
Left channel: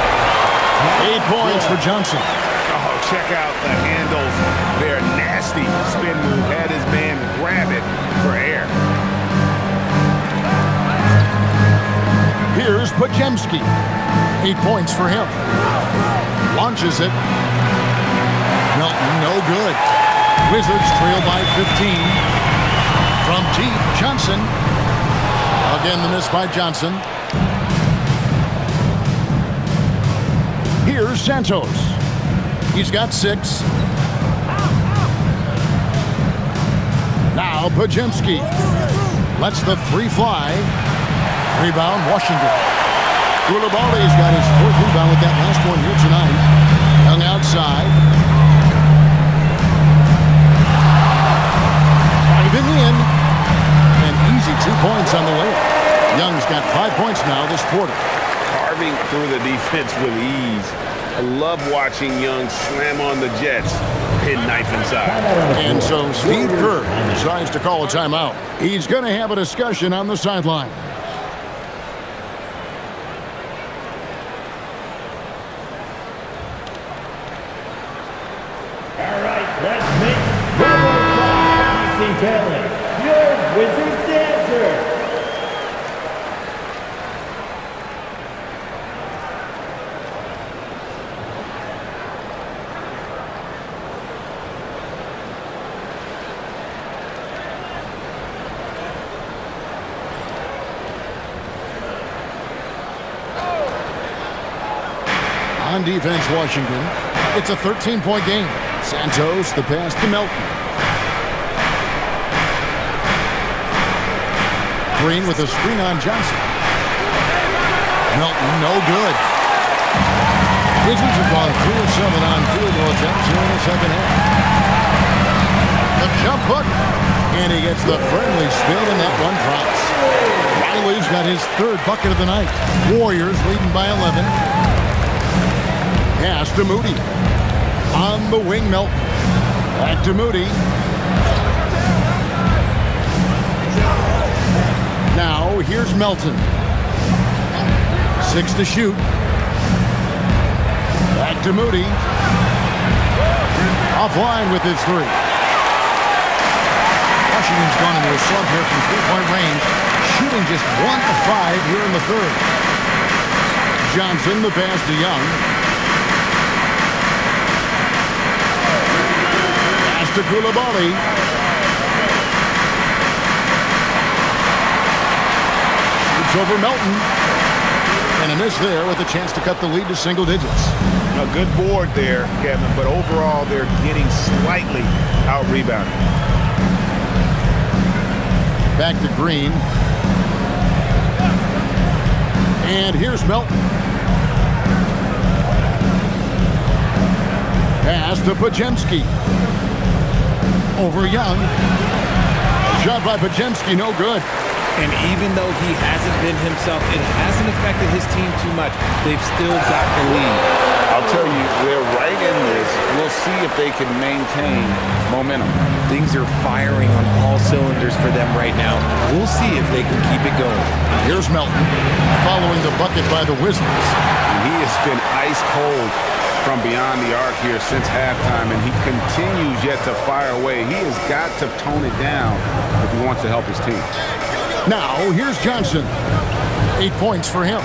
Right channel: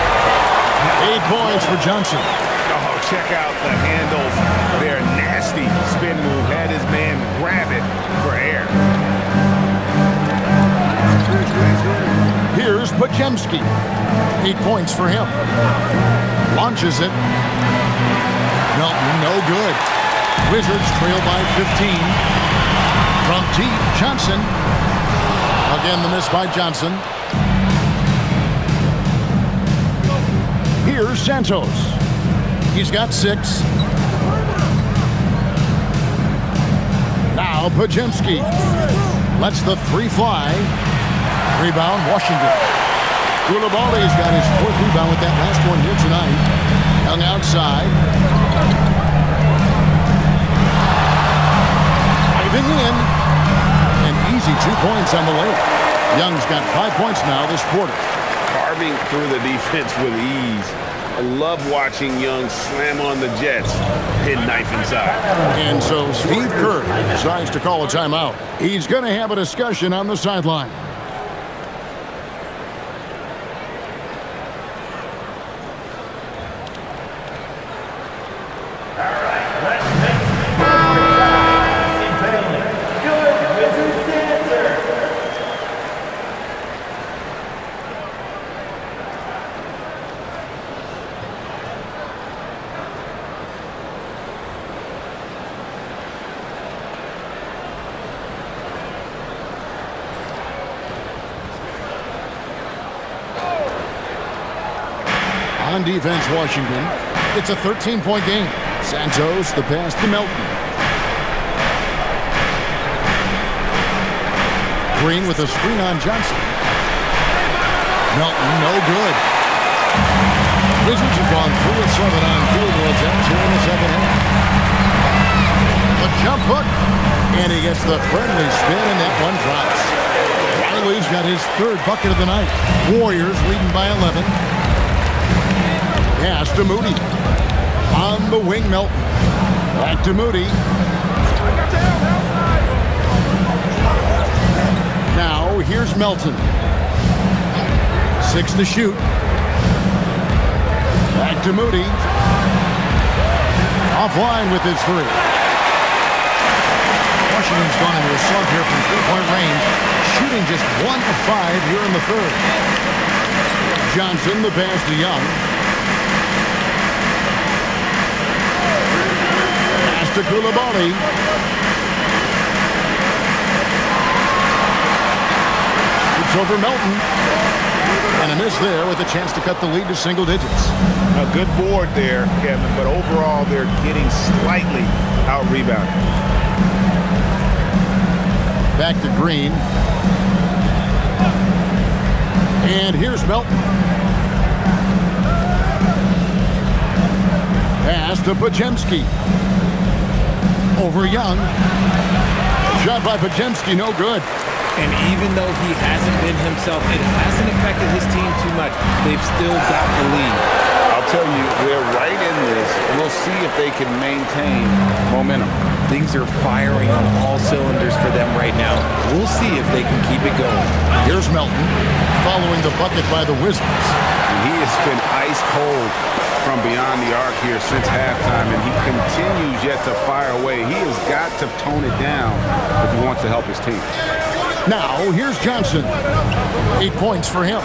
8 points for Johnson. Oh, check out the handles. They're nasty. Spin move. Had his man grab it for air. Here's Podziemski. 8 points for him. Launches it. Melton, no good. Wizards trail by 15. From deep, Johnson. Again, the miss by Johnson. Here's Santos. He's got 6. Now Podziemski lets the 3 fly. Rebound, Washington. Coulibaly's got his 4th rebound with that last one here tonight. Young outside. Driving in. An easy 2 points on the layup. Young's got 5 points now this quarter. Carving through the defense with ease. I love watching Young slam on the Jets. Penknife inside. And so Steve Kerr decides to call a timeout. He's going to have a discussion on the sideline. On defense, Washington. It's a 13-point game. Santos, the pass to Melton. Green with a screen on Johnson. Melton, no good. Wizards have gone 3 of 7 on field goal attempts here in the second half. The jump hook, and he gets the friendly spin, and that one drops. Riley's got his 3rd bucket of the night. Warriors leading by 11. Pass to Moody. On the wing, Melton. Back to Moody. Now, here's Melton. 6 to shoot. Back to Moody. Offline with his 3. Washington's gone into a slump here from 3-point range, shooting just 1 of 5 here in the 3rd. Johnson, the pass to Young. To Coulibaly. Shoots over Melton. And a miss there with a chance to cut the lead to single digits. A good board there, Kevin, but overall they're getting slightly out-rebounded. Back to Green. And here's Melton. Pass to Podziemski. Over Young. Shot by Podziemski, no good. And even though he hasn't been himself, it hasn't affected his team too much. They've still got the lead. I'll tell you, they're right in this. We'll see if they can maintain momentum. Things are firing on all cylinders for them right now. We'll see if they can keep it going. Here's Melton following the bucket by the Wizards. And he has been ice cold from beyond the arc here since halftime, and he continues yet to fire away. He has got to tone it down if he wants to help his team. Now, here's Johnson. 8 points for him.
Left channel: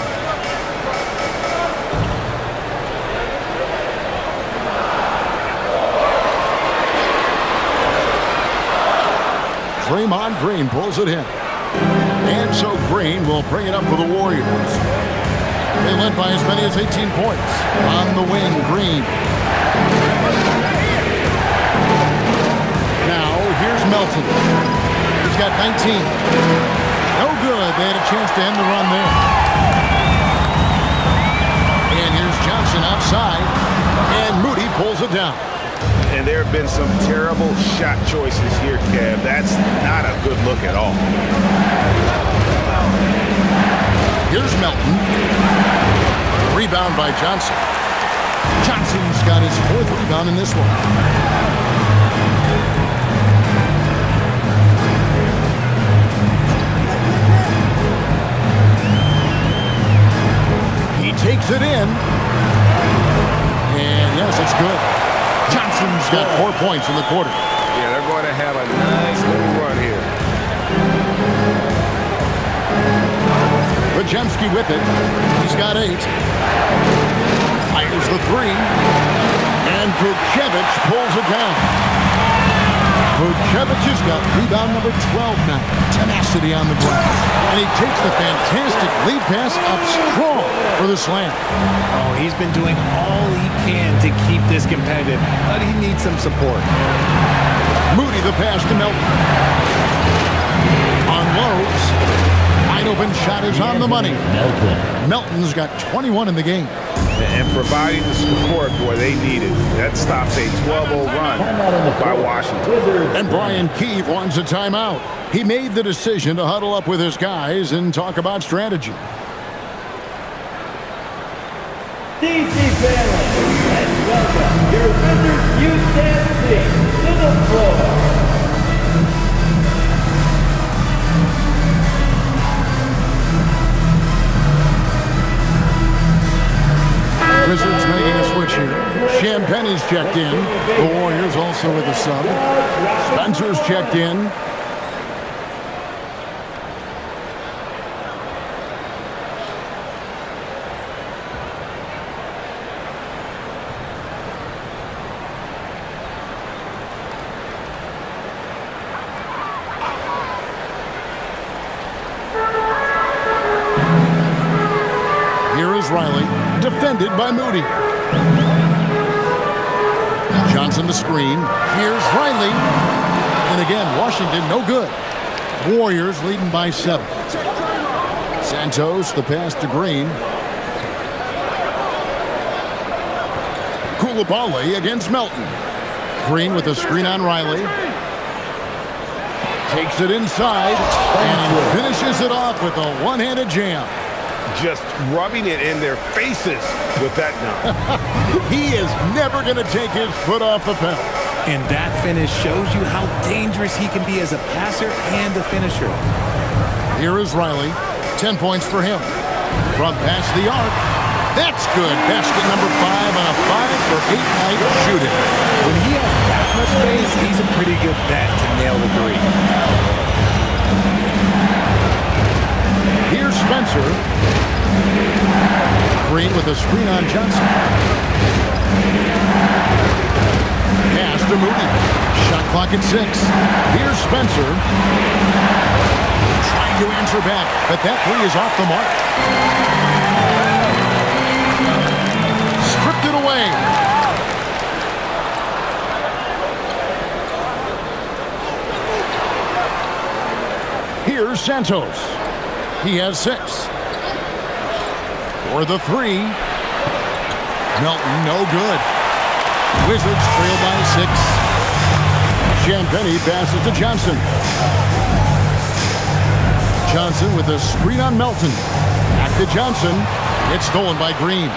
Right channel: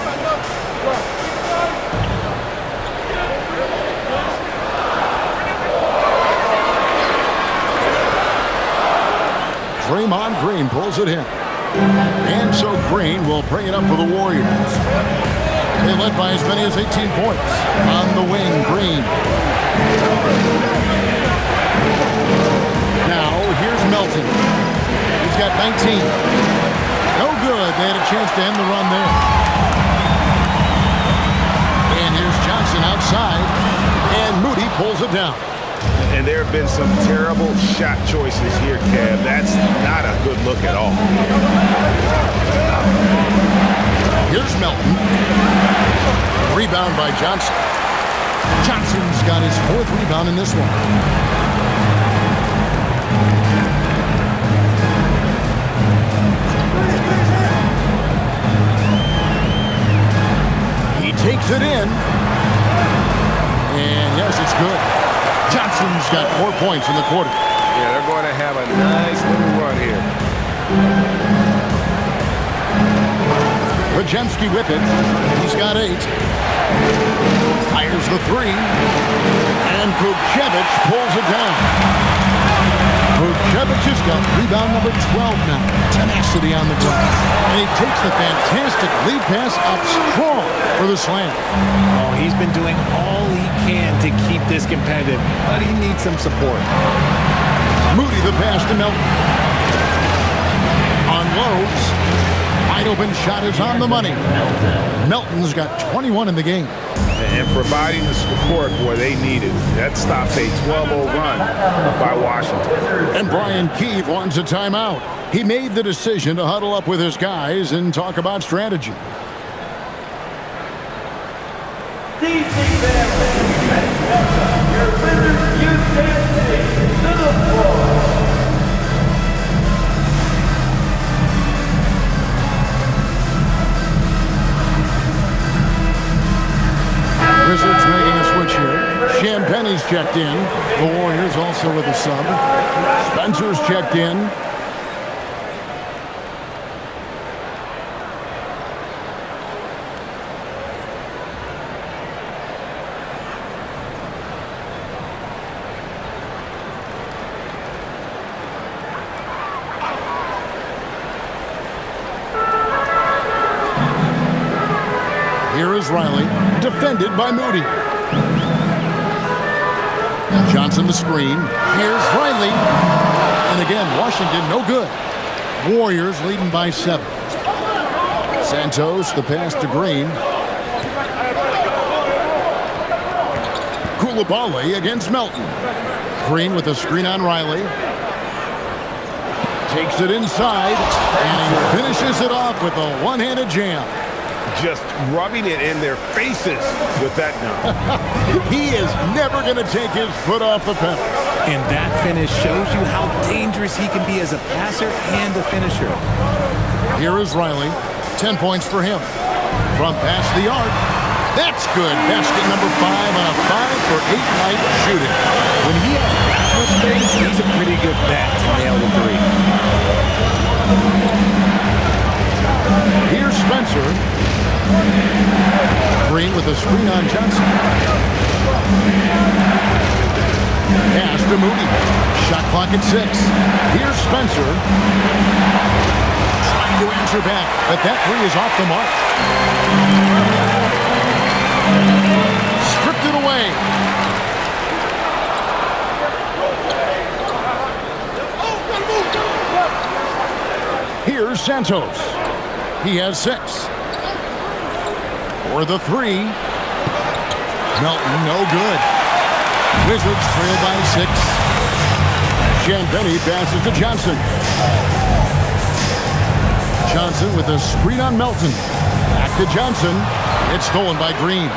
Draymond Green pulls it in. And so Green will bring it up for the Warriors. They led by as many as 18 points. On the wing, Green. Now, here's Melton. He's got 19. No good. They had a chance to end the run there. And here's Johnson outside. And Moody pulls it down. And there have been some terrible shot choices here, Kev. That's not a good look at all. Here's Melton. Rebound by Johnson. Johnson's got his 4th rebound in this one. He takes it in. And yes, it's good. Johnson's got 4 points in the quarter. Yeah, they're going to have a nice little run here. Podziemski with it. He's got 8. Fires the 3. And Vucevic pulls it down. Vucevic has got rebound number 12 now. Tenacity on the glass. And he takes the fantastic lead pass up strong for the slam. Oh, he's been doing all he can to keep this competitive, but he needs some support. Moody the pass to Melton. Unloads. Wide open shot is on the money. Melton's got 21 in the game. And providing the support, boy, they need it. That stops a 12-0 run by Washington. And Brian Keefe wants a timeout. He made the decision to huddle up with his guys and talk about strategy. DC family, let's welcome your Wizards Youth Dance Team to the floor. Wizards making a switch here. Champagne's checked in. The Warriors also with a sub. Spencer's checked in. Here is Riley, defended by Moody. Johnson the screen. Here's Riley. And again, Washington no good. Warriors leading by 7. Santos, the pass to Green. Koulibaly against Melton. Green with a screen on Riley. Takes it inside, and he finishes it off with a one-handed jam. Just rubbing it in their faces with that dunk. He is never going to take his foot off the pedal. And that finish shows you how dangerous he can be as a passer and a finisher. Here is Riley. 10 points for him. From past the arc. That's good. Basket number 5 on a 5-for-8 night shooting. When he has that much space, he's a pretty good bet to nail the 3. Here's Spencer. Green with a screen on Johnson. Pass to Moody. Shot clock at 6. Here's Spencer. Trying to answer back, but that 3 is off the mark. Stripped it away. Here's Santos. He has 6. For the 3. Melton, no good. Wizards trail by 6. Champagnie passes to Johnson. Johnson with a screen on Melton. Back to Johnson. It's stolen by Green.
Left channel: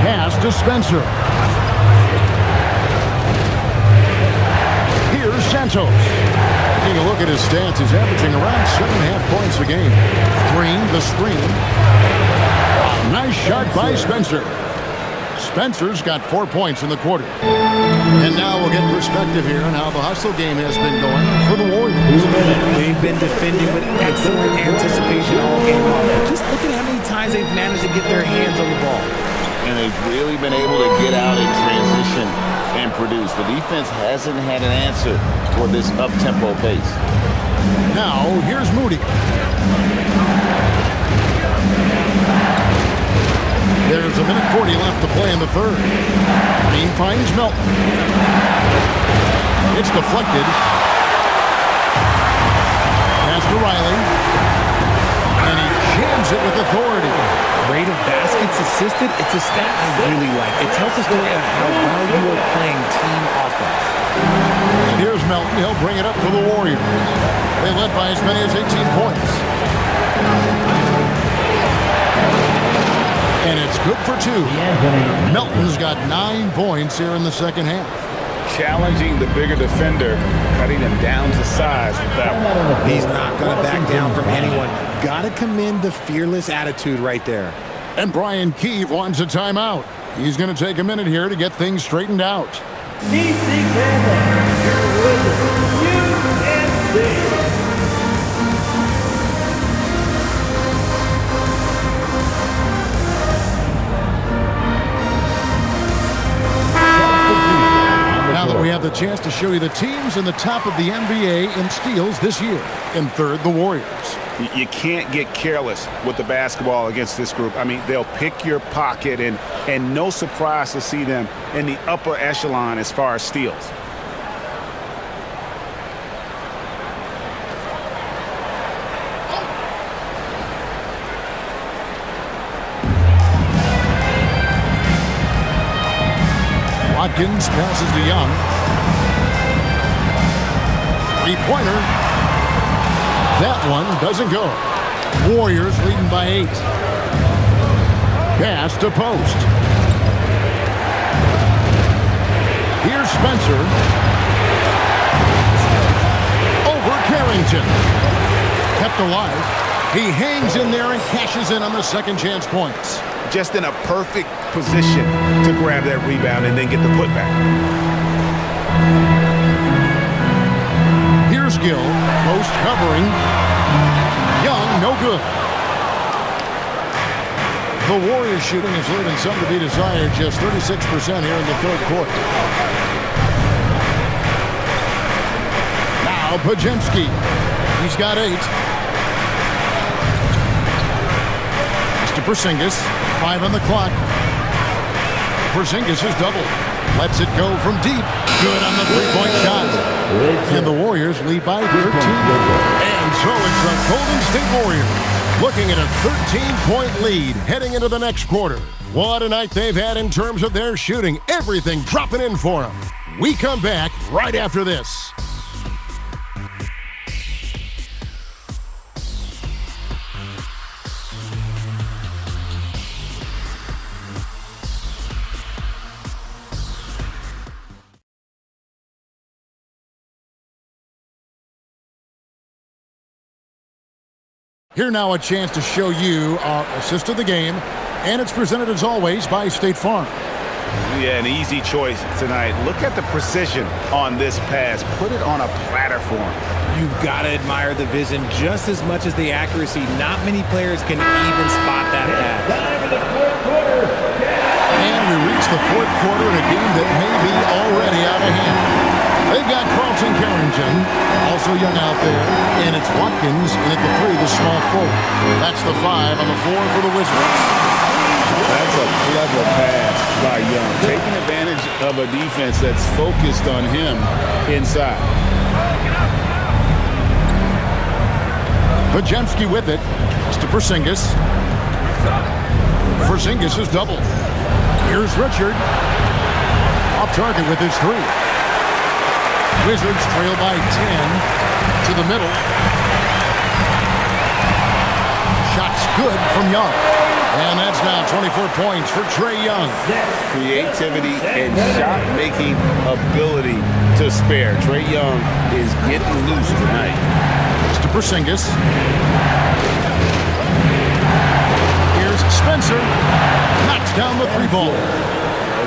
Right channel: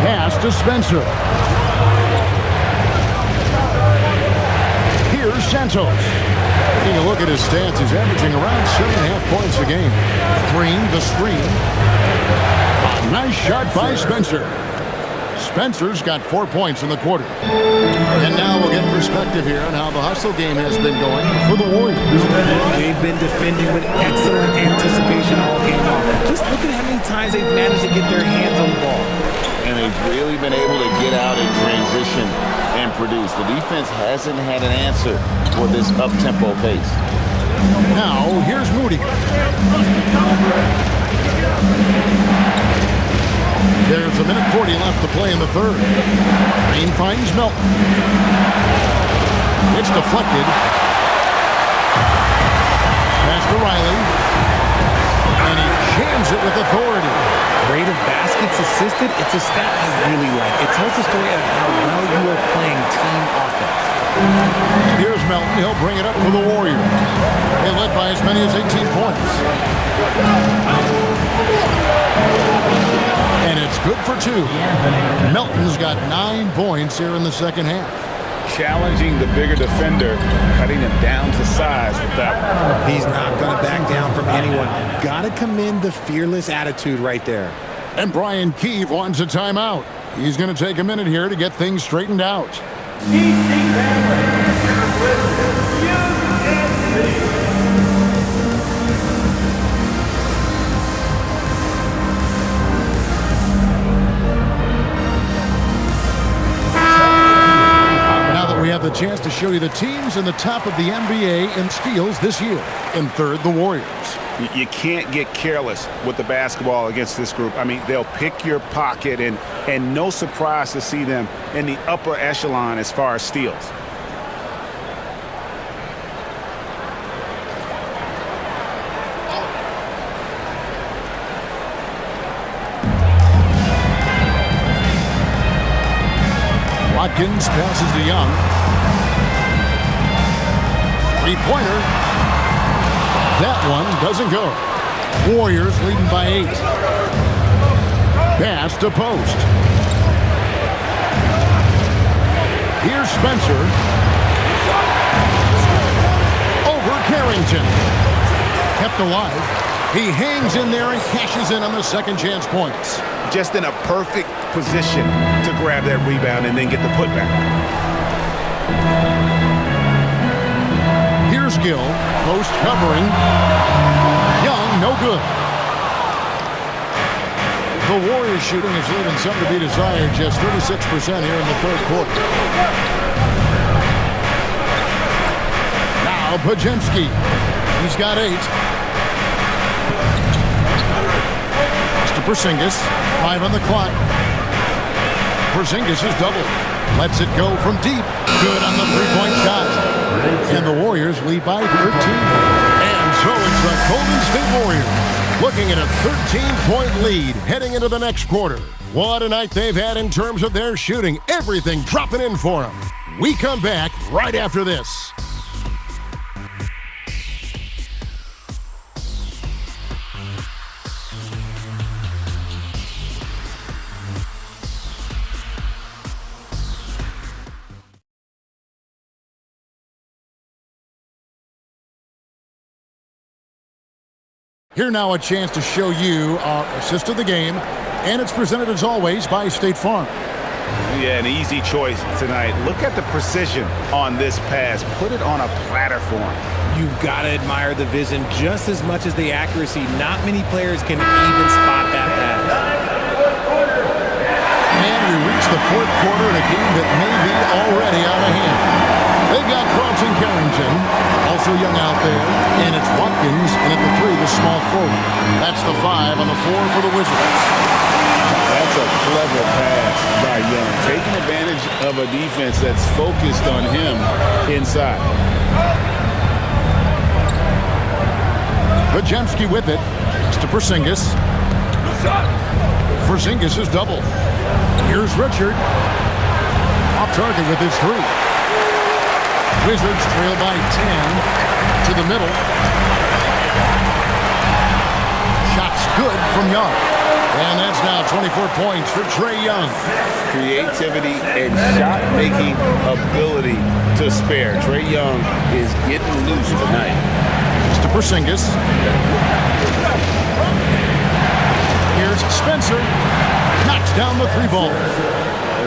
Pass to Spencer. Here's Santos. Taking a look at his stats, he's averaging around 7.5 points a game. Green, the screen. A nice shot by Spencer. Spencer's got 4 points in the quarter. And now we'll get perspective here on how the hustle game has been going for the Warriors. They've been defending with excellent anticipation all game long. Just look at how many times they've managed to get their hands on the ball. And they've really been able to get out in transition and produce. The defense hasn't had an answer for this up-tempo pace. Now, here's Moody. There's a minute 40 left to play in the third. Green finds Melton. It's deflected. Pass to Riley. And he jams it with authority. Rate of baskets assisted, it's a stat I really like. It tells the story of how well you are playing team offense. And here's Melton. He'll bring it up for the Warriors. They led by as many as 18 points. And it's good for 2. Melton's got 9 points here in the second half. Challenging the bigger defender, cutting him down to size with that one. He's not going to back down from anyone. Got to commend the fearless attitude right there. And Brian Keefe wants a timeout. He's going to take a minute here to get things straightened out. DC Family, your winners, UNC. Now that we have the chance to show you the teams in the top of the NBA in steals this year. In third, the Warriors. You can't get careless with the basketball against this group. I mean, they'll pick your pocket, and no surprise to see them in the upper echelon as far as steals. Watkins passes to Young. Three-pointer. That one doesn't go. Warriors leading by 8. Pass to post. Here's Spencer. Over Carrington. Kept alive. He hangs in there and cashes in on the second chance points. Just in a perfect position to grab that rebound and then get the putback. Here's Gill, post covering. Young, no good. The Warriors shooting is leaving some to be desired, just 36% here in the third quarter. Now Pajemski, he's got 8. Mr. Porzingis, 5 on the clock. Porzingis is doubled. Lets it go from deep. Good on the three-point shot. And the Warriors lead by 13. And so it's the Golden State Warriors looking at a 13-point lead heading into the next quarter. What a night they've had in terms of their shooting. Everything dropping in for them. We come back right after this. Here now a chance to show you our assist of the game, and it's presented as always by State Farm. Yeah, an easy choice tonight. Look at the precision on this pass. Put it on a platter for him. You've got to admire the vision just as much as the accuracy. Not many players can even spot that pass. And we reach the fourth quarter in a game that may be already out of hand. They've got Carlton Carrington, also young out there, and it's Watkins, and at the 3, the small forward. That's the 5 on the 4 for the Wizards. That's a clever pass by Young, taking advantage of a defense that's focused on him inside. Pajemski with it. Pass to Porzingis. Porzingis is doubled. Here's Richard. Off target with his 3. Wizards trail by 10 to the middle. Shots good from Young. And that's now 24 points for Trae Young. Creativity and shot-making ability to spare. Trae Young is getting loose tonight. Mr. Porzingis. Here's Spencer. Knocks down the 3 ball.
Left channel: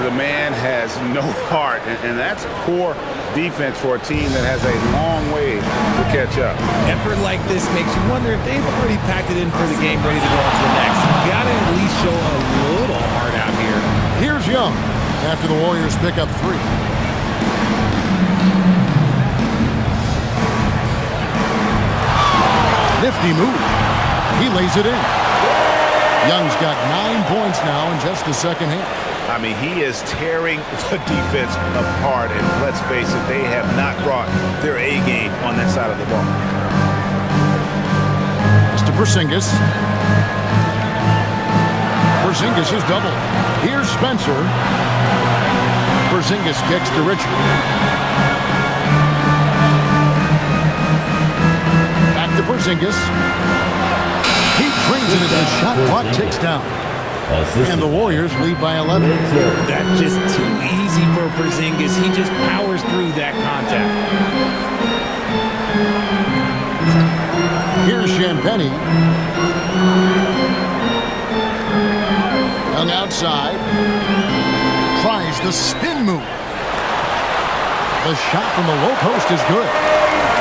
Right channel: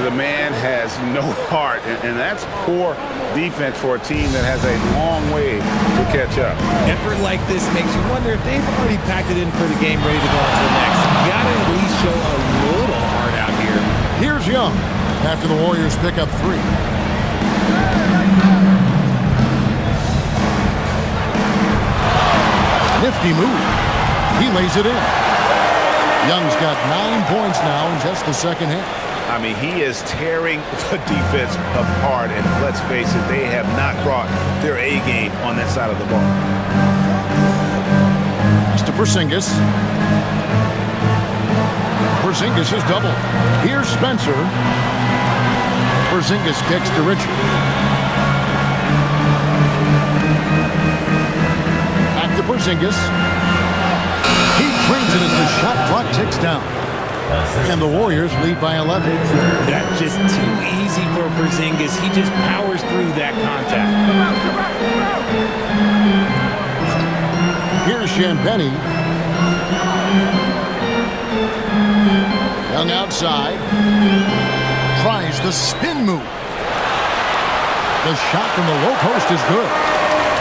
The man has no heart, and that's poor defense for a team that has a long way to catch up. Effort like this makes you wonder if they've already packed it in for the game, ready to go on to the next. Got to at least show a little heart out here. Here's Young after the Warriors pick up 3. Nifty move. He lays it in. Young's got 9 points now in just the second half. I mean, he is tearing the defense apart, and let's face it, they have not brought their A game on that side of the ball. Pass to Porzingis. Porzingis is double. Here's Spencer. Porzingis kicks to Richard. Back to Porzingis. He drains it as the shot clock ticks down. And the Warriors lead by 11. That's just too easy for Porzingis. He just powers through that contact. Here's Champagny. Young outside. Tries the spin move. The shot from the low post is good.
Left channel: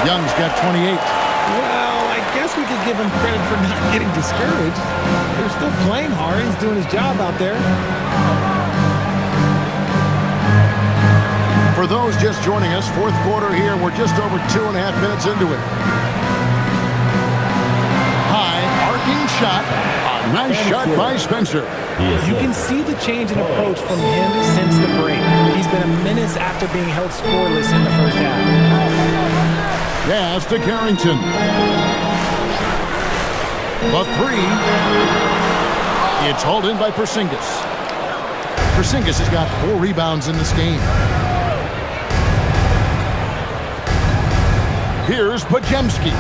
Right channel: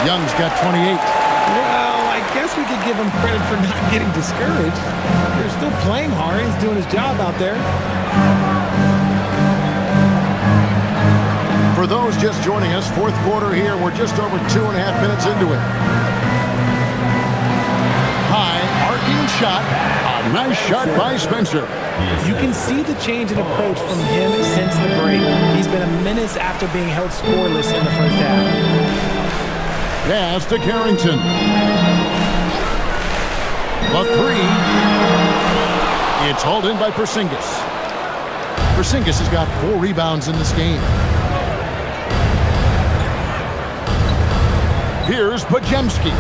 Young's got 28. Well, I guess we could give him credit for not getting discouraged. They're still playing hard. He's doing his job out there. For those just joining us, fourth quarter here. We're just over 2.5 minutes into it. High arcing shot. A nice shot by Spencer. You can see the change in approach from him since the break. He's been a menace after being held scoreless in the first half. Pass to Carrington. The three. It's hauled in by Porzingis. Porzingis has got 4 rebounds in this game. Here's Podziemski.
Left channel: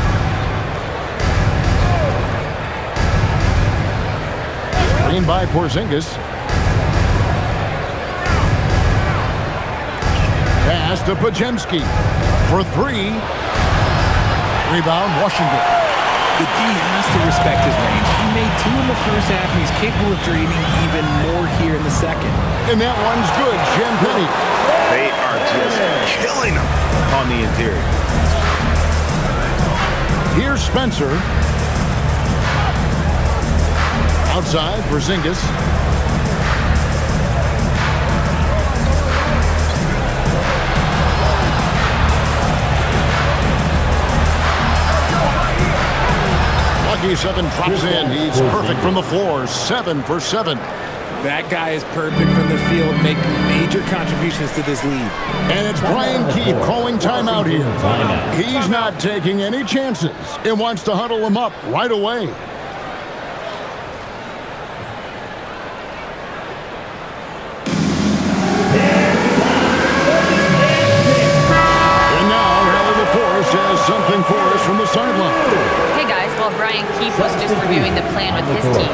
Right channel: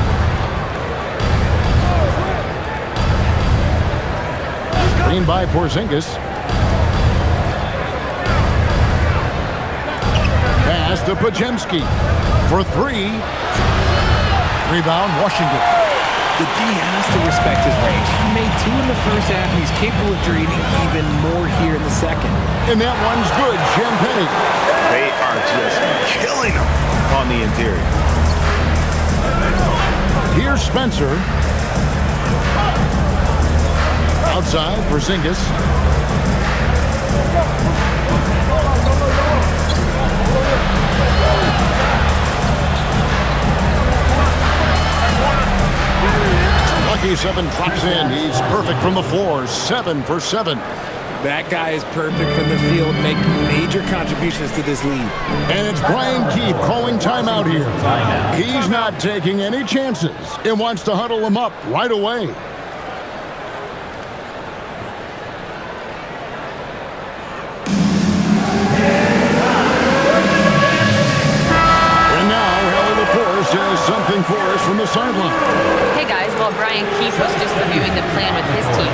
Screen by Porzingis. Pass to Podziemski for 3. Rebound, Washington. The D has to respect his range. He made 2 in the first half, and he's capable of draining even more here in the second. And that one's good, Champagny. They are just killing them on the interior. Here's Spencer. Outside, Porzingis. Lucky 7 drops in. He's perfect from the floor. 7 for 7. That guy is perfect from the field, making major contributions to this lead. And it's Brian Keefe calling timeout here. He's not taking any chances and wants to huddle him up right away. And now, Hallie LaForce has something for us from the sideline. Hey guys, while Brian Keefe was just reviewing the plan with his team,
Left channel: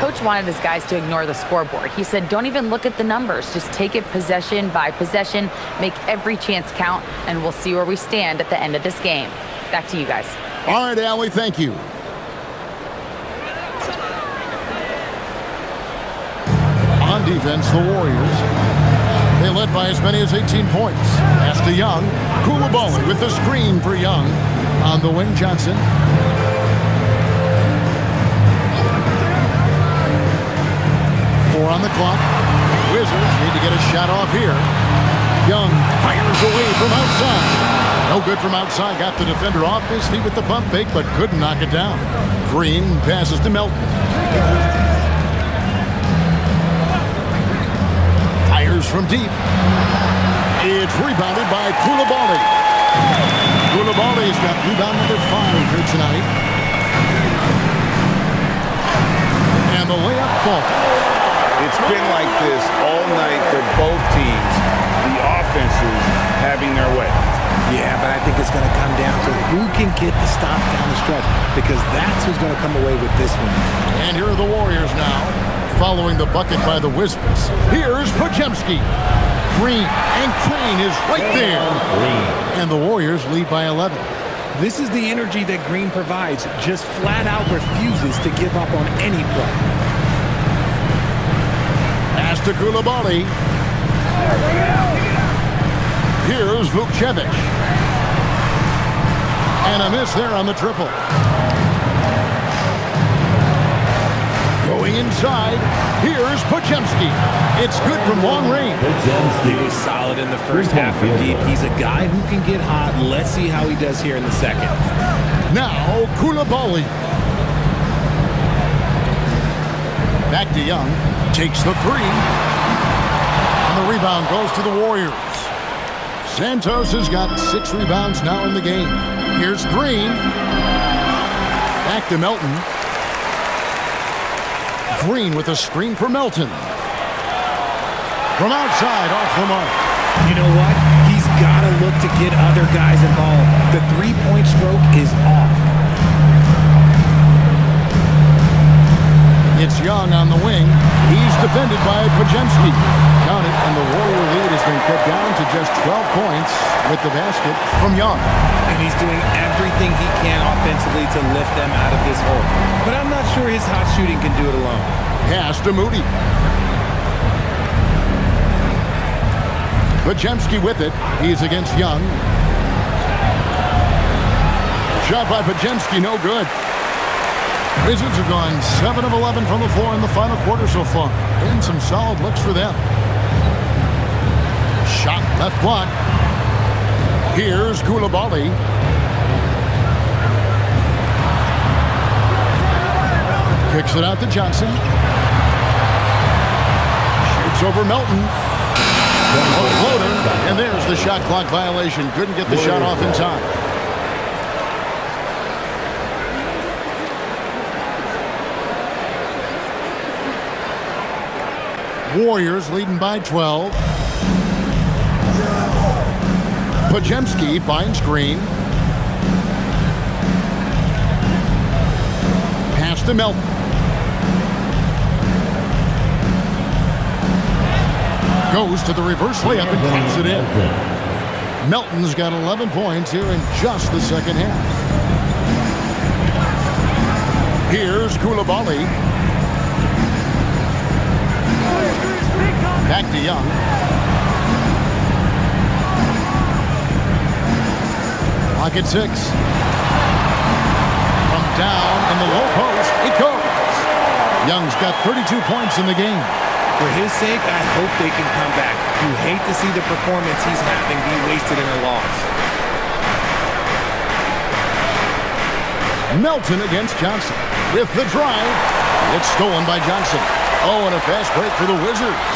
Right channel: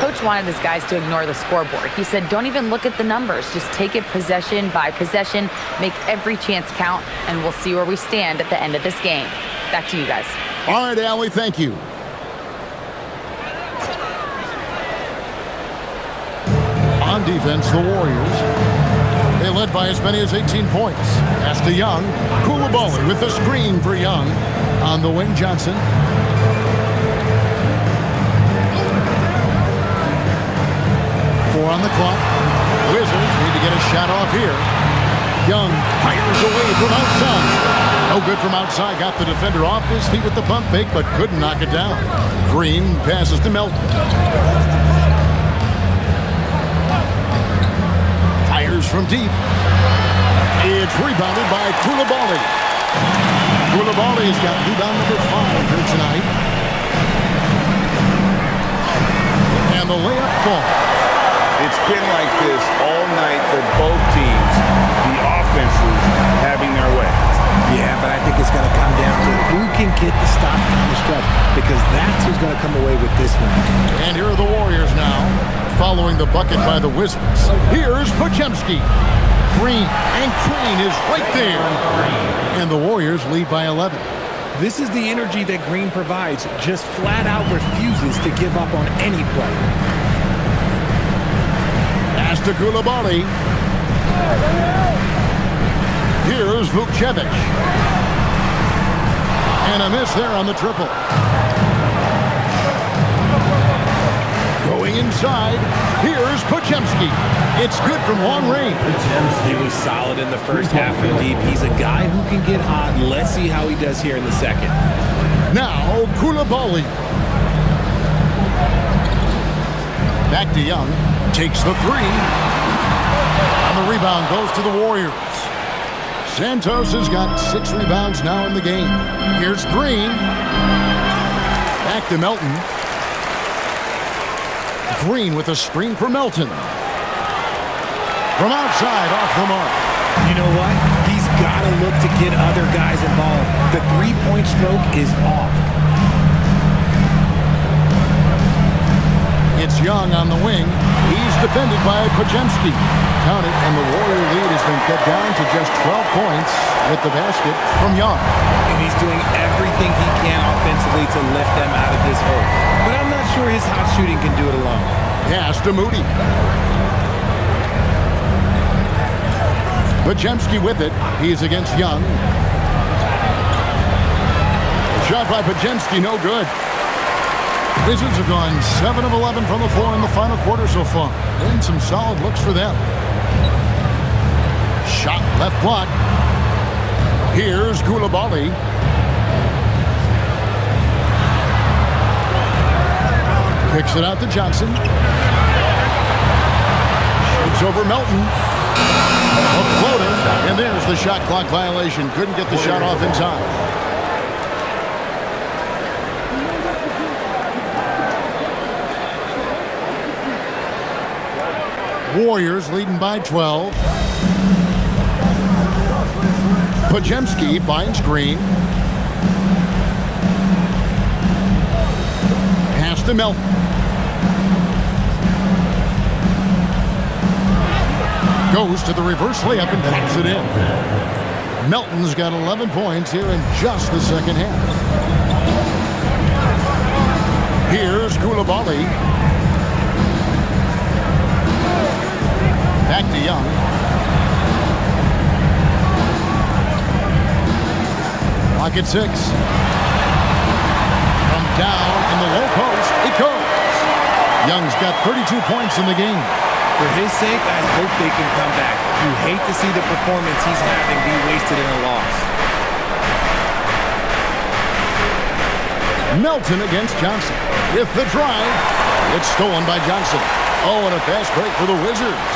Coach wanted his guys to ignore the scoreboard. He said, don't even look at the numbers. Just take it possession by possession, make every chance count, and we'll see where we stand at the end of this game. Back to you guys. All right, Allie, thank you. On defense, the Warriors. They led by as many as 18 points. Pass to Young. Koulibaly with the screen for Young. On the wing, Johnson. On the clock. Wizards need to get a shot off here. Young fires away from outside. No good from outside. Got the defender off his feet with the pump fake, but couldn't knock it down. Green passes to Melton. Fires from deep. It's rebounded by Koulibaly. Koulibaly's got rebound number 5 here tonight. And the layup falls. It's been like this all night for both teams. The offenses having their way. Yeah, but I think it's going to come down to who can get the stops down the stretch, because that's who's going to come away with this one. And here are the Warriors now, following the bucket by the Wizards. Here's Podziemski. Green, and Green is right there. And the Warriors lead by 11. This is the energy that Green provides, just flat out refuses to give up on any play. Pass to Koulibaly. Here's Vukcevic. And a miss there on the triple. Going inside. Here's Podziemski. It's good from long range. He was solid in the first half from deep. He's a guy who can get hot. Let's see how he does here in the second. Now Koulibaly. Back to Young. Takes the three. And the rebound goes to the Warriors. Santos has got 6 rebounds now in the game. Here's Green. Back to Melton. Green with a screen for Melton. From outside, off the mark. You know what? He's got to look to get other guys involved. The three-point stroke is off. It's Young on the wing. He's defended by Podziemski. Count it, and the Warrior lead has been cut down to just 12 points with the basket from Young. And he's doing everything he can offensively to lift them out of this hole. But I'm not sure his hot shooting can do it alone. Pass to Moody. Podziemski with it. He's against Young. Shot by Podziemski, no good. Wizards have gone 7 of 11 from the floor in the final quarter so far. And some solid looks for them. Shot left block. Here's Koulibaly. Kicks it out to Johnson. Shoots over Melton. A floater. And there's the shot clock violation. Couldn't get the shot off in time. Warriors leading by 12. Podziemski finds Green. Pass to Melton. Goes to the reverse layup and taps it in. Melton's got 11 points here in just the second half. Here's Koulibaly. Back to Young. Clock at 6. From down in the low post, it goes. Young's got 32 points in the game. For his sake, I hope they can come back. You hate to see the performance he's having be wasted in a loss. Melton against Johnson. With the drive, it's stolen by Johnson. Oh, and a fast break for the Wizards.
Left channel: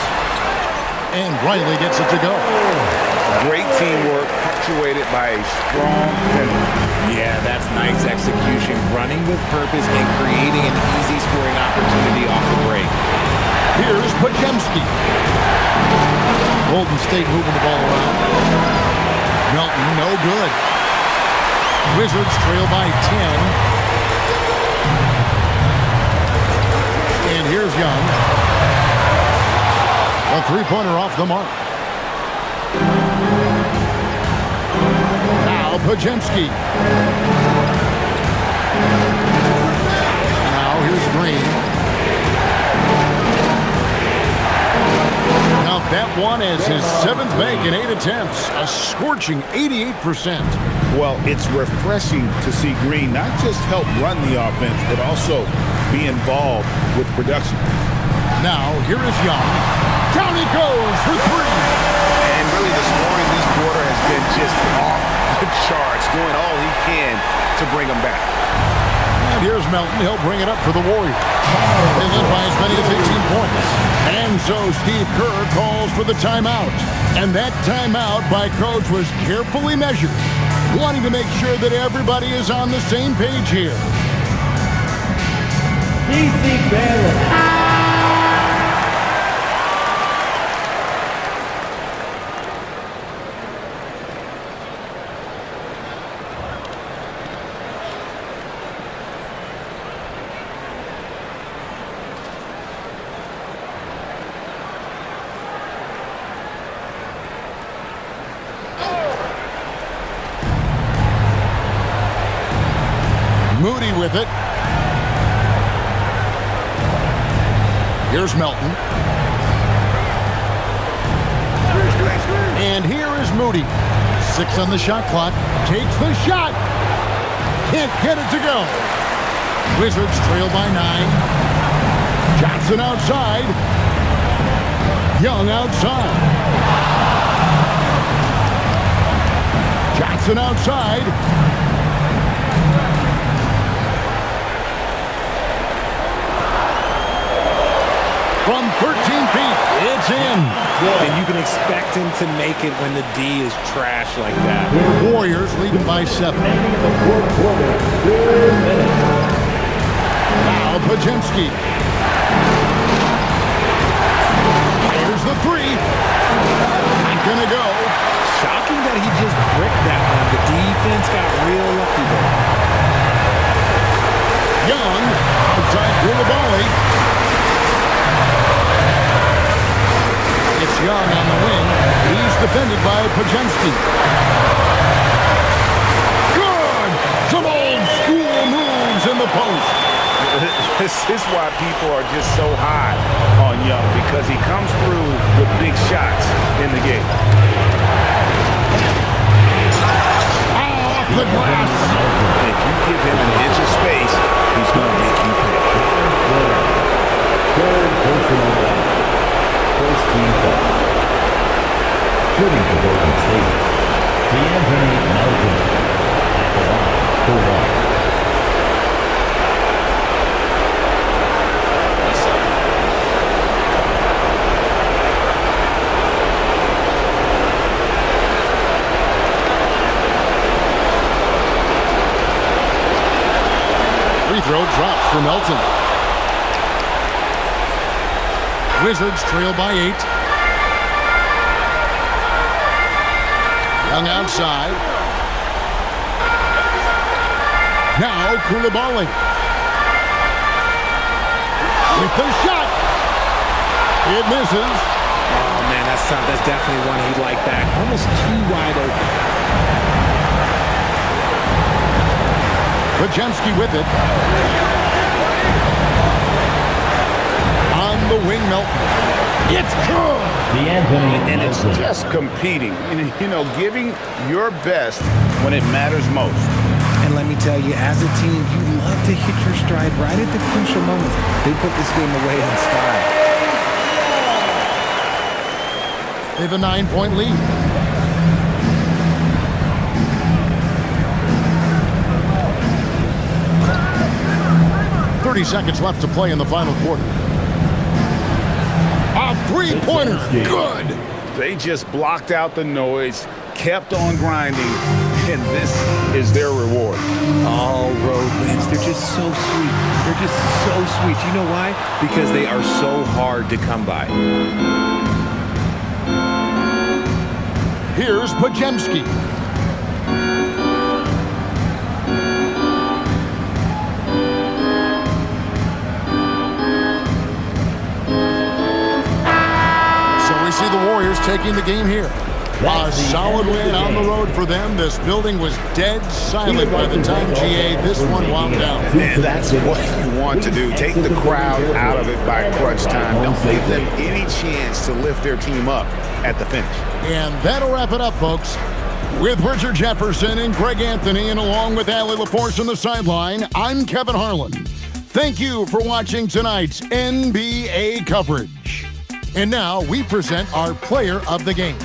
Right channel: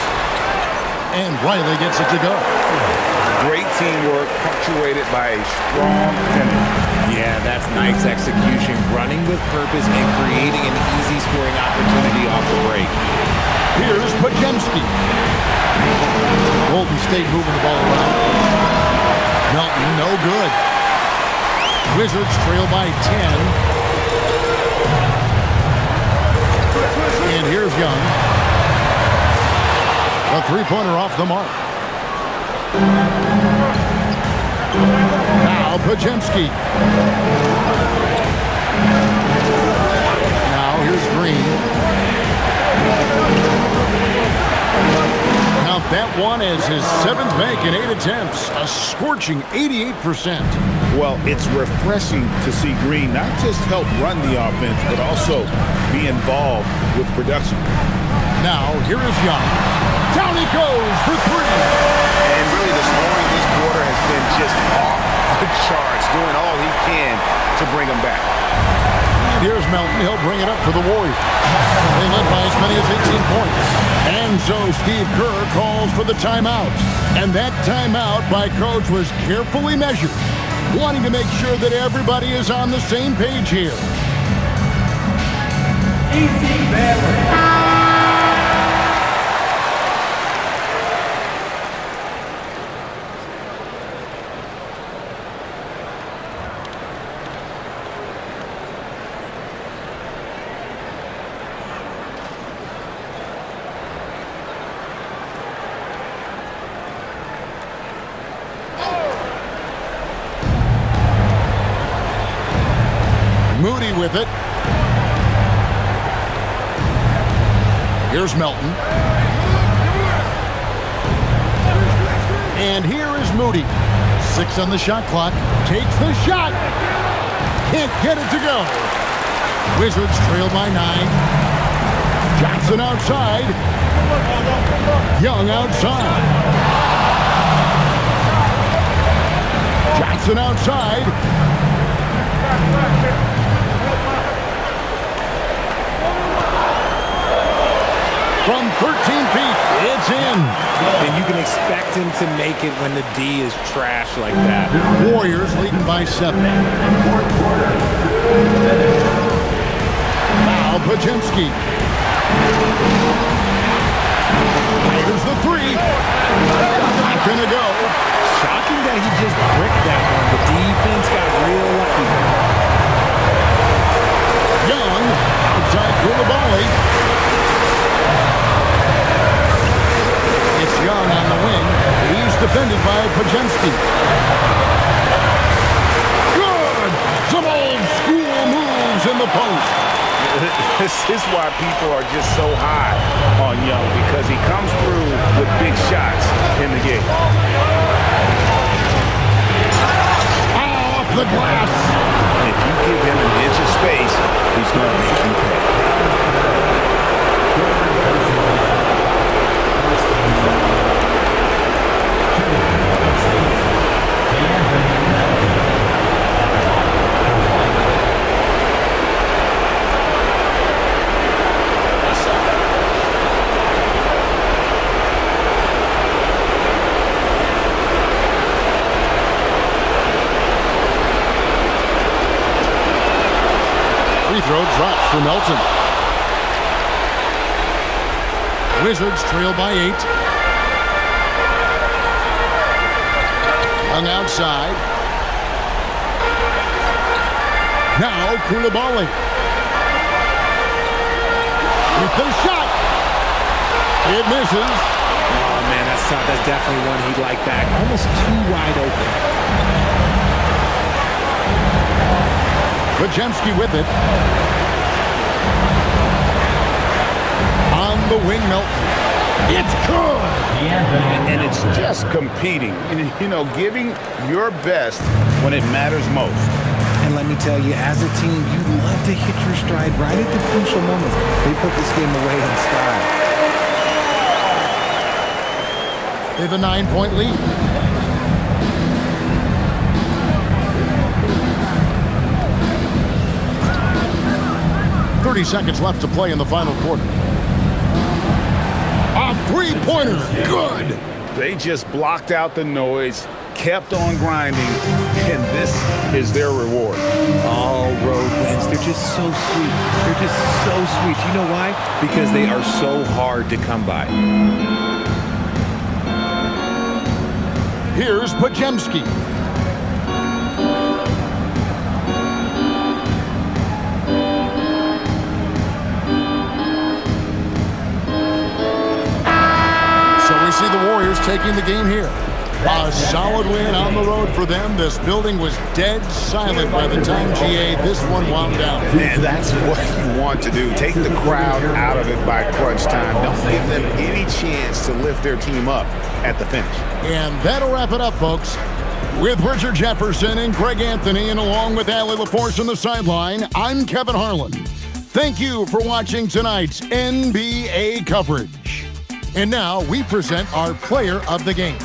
And Riley gets it to go. Great teamwork, punctuated by a strong finish. Yeah, that's nice execution, running with purpose and creating an easy scoring opportunity off the break. Here's Podziemski. Golden State moving the ball around. Melton, no good. Wizards trail by 10. And here's Young. A three-pointer off the mark. Now Podziemski. Now here's Green. Count that one as his 7th make in 8 attempts. A scorching 88%. Well, it's refreshing to see Green not just help run the offense, but also be involved with production. Now here is Young. Down he goes for 3. And really the scoring this quarter has been just off the charts, doing all he can to bring them back. And here's Melton. He'll bring it up for the Warriors. They led by as many as 18 points. And so Steve Kerr calls for the timeout. And that timeout by Coach was carefully measured, wanting to make sure that everybody is on the same page here. DC Baylor. Moody with it. Here's Melton. And here is Moody. 6 on the shot clock. Takes the shot. Can't get it to go. Wizards trail by 9. Johnson outside. Young outside. Johnson outside. From 13 feet, it's in. And you can expect him to make it when the D is trash like that. Warriors leading by 7. Fourth quarter, 2 minutes. Now Pajemski. Here's the 3. Not gonna go. Shocking that he just bricked that one. The defense got real lucky there. Young, outside Koulibaly. It's Young on the wing. He's defended by Pajemski. Good! Some old school moves in the post. This is why people are just so high on Young, because he comes through with big shots in the game. Off the glass. If you give him an inch of space, he's going to make you pay. Third personal foul. First team foul. Shooting for Golden State. D'Anthony Melton at the line for 1. Free throw drops for Melton. Wizards trail by 8. Young outside. Now Koulibaly. With the shot. It misses. Oh, man, that's tough. That's definitely one he'd like back. Almost too wide open. Pajemski with it. On the wing, Melton. It's good! And it's just competing. You know, giving your best when it matters most. And let me tell you, as a team, you love to hit your stride right at the crucial moments. They put this game away in style. They have a 9-point lead. Seconds left to play in the final quarter. A three-pointer, good! They just blocked out the noise, kept on grinding, and this is their reward. All road wins. They're just so sweet. They're just so sweet. You know why? Because they are so hard to come by. Here's Pajemski. See the Warriors taking the game here. A solid win on the road for them. This building was dead silent by the time GA this one wound down. And that's what you want to do. Take the crowd out of it by crunch time. Don't give them any chance to lift their team up at the finish. And that'll wrap it up, folks. With Richard Jefferson and Greg Anthony, and along with Allie LaForce on the sideline, I'm Kevin Harlan. Thank you for watching tonight's NBA coverage. And now we present our player of the game.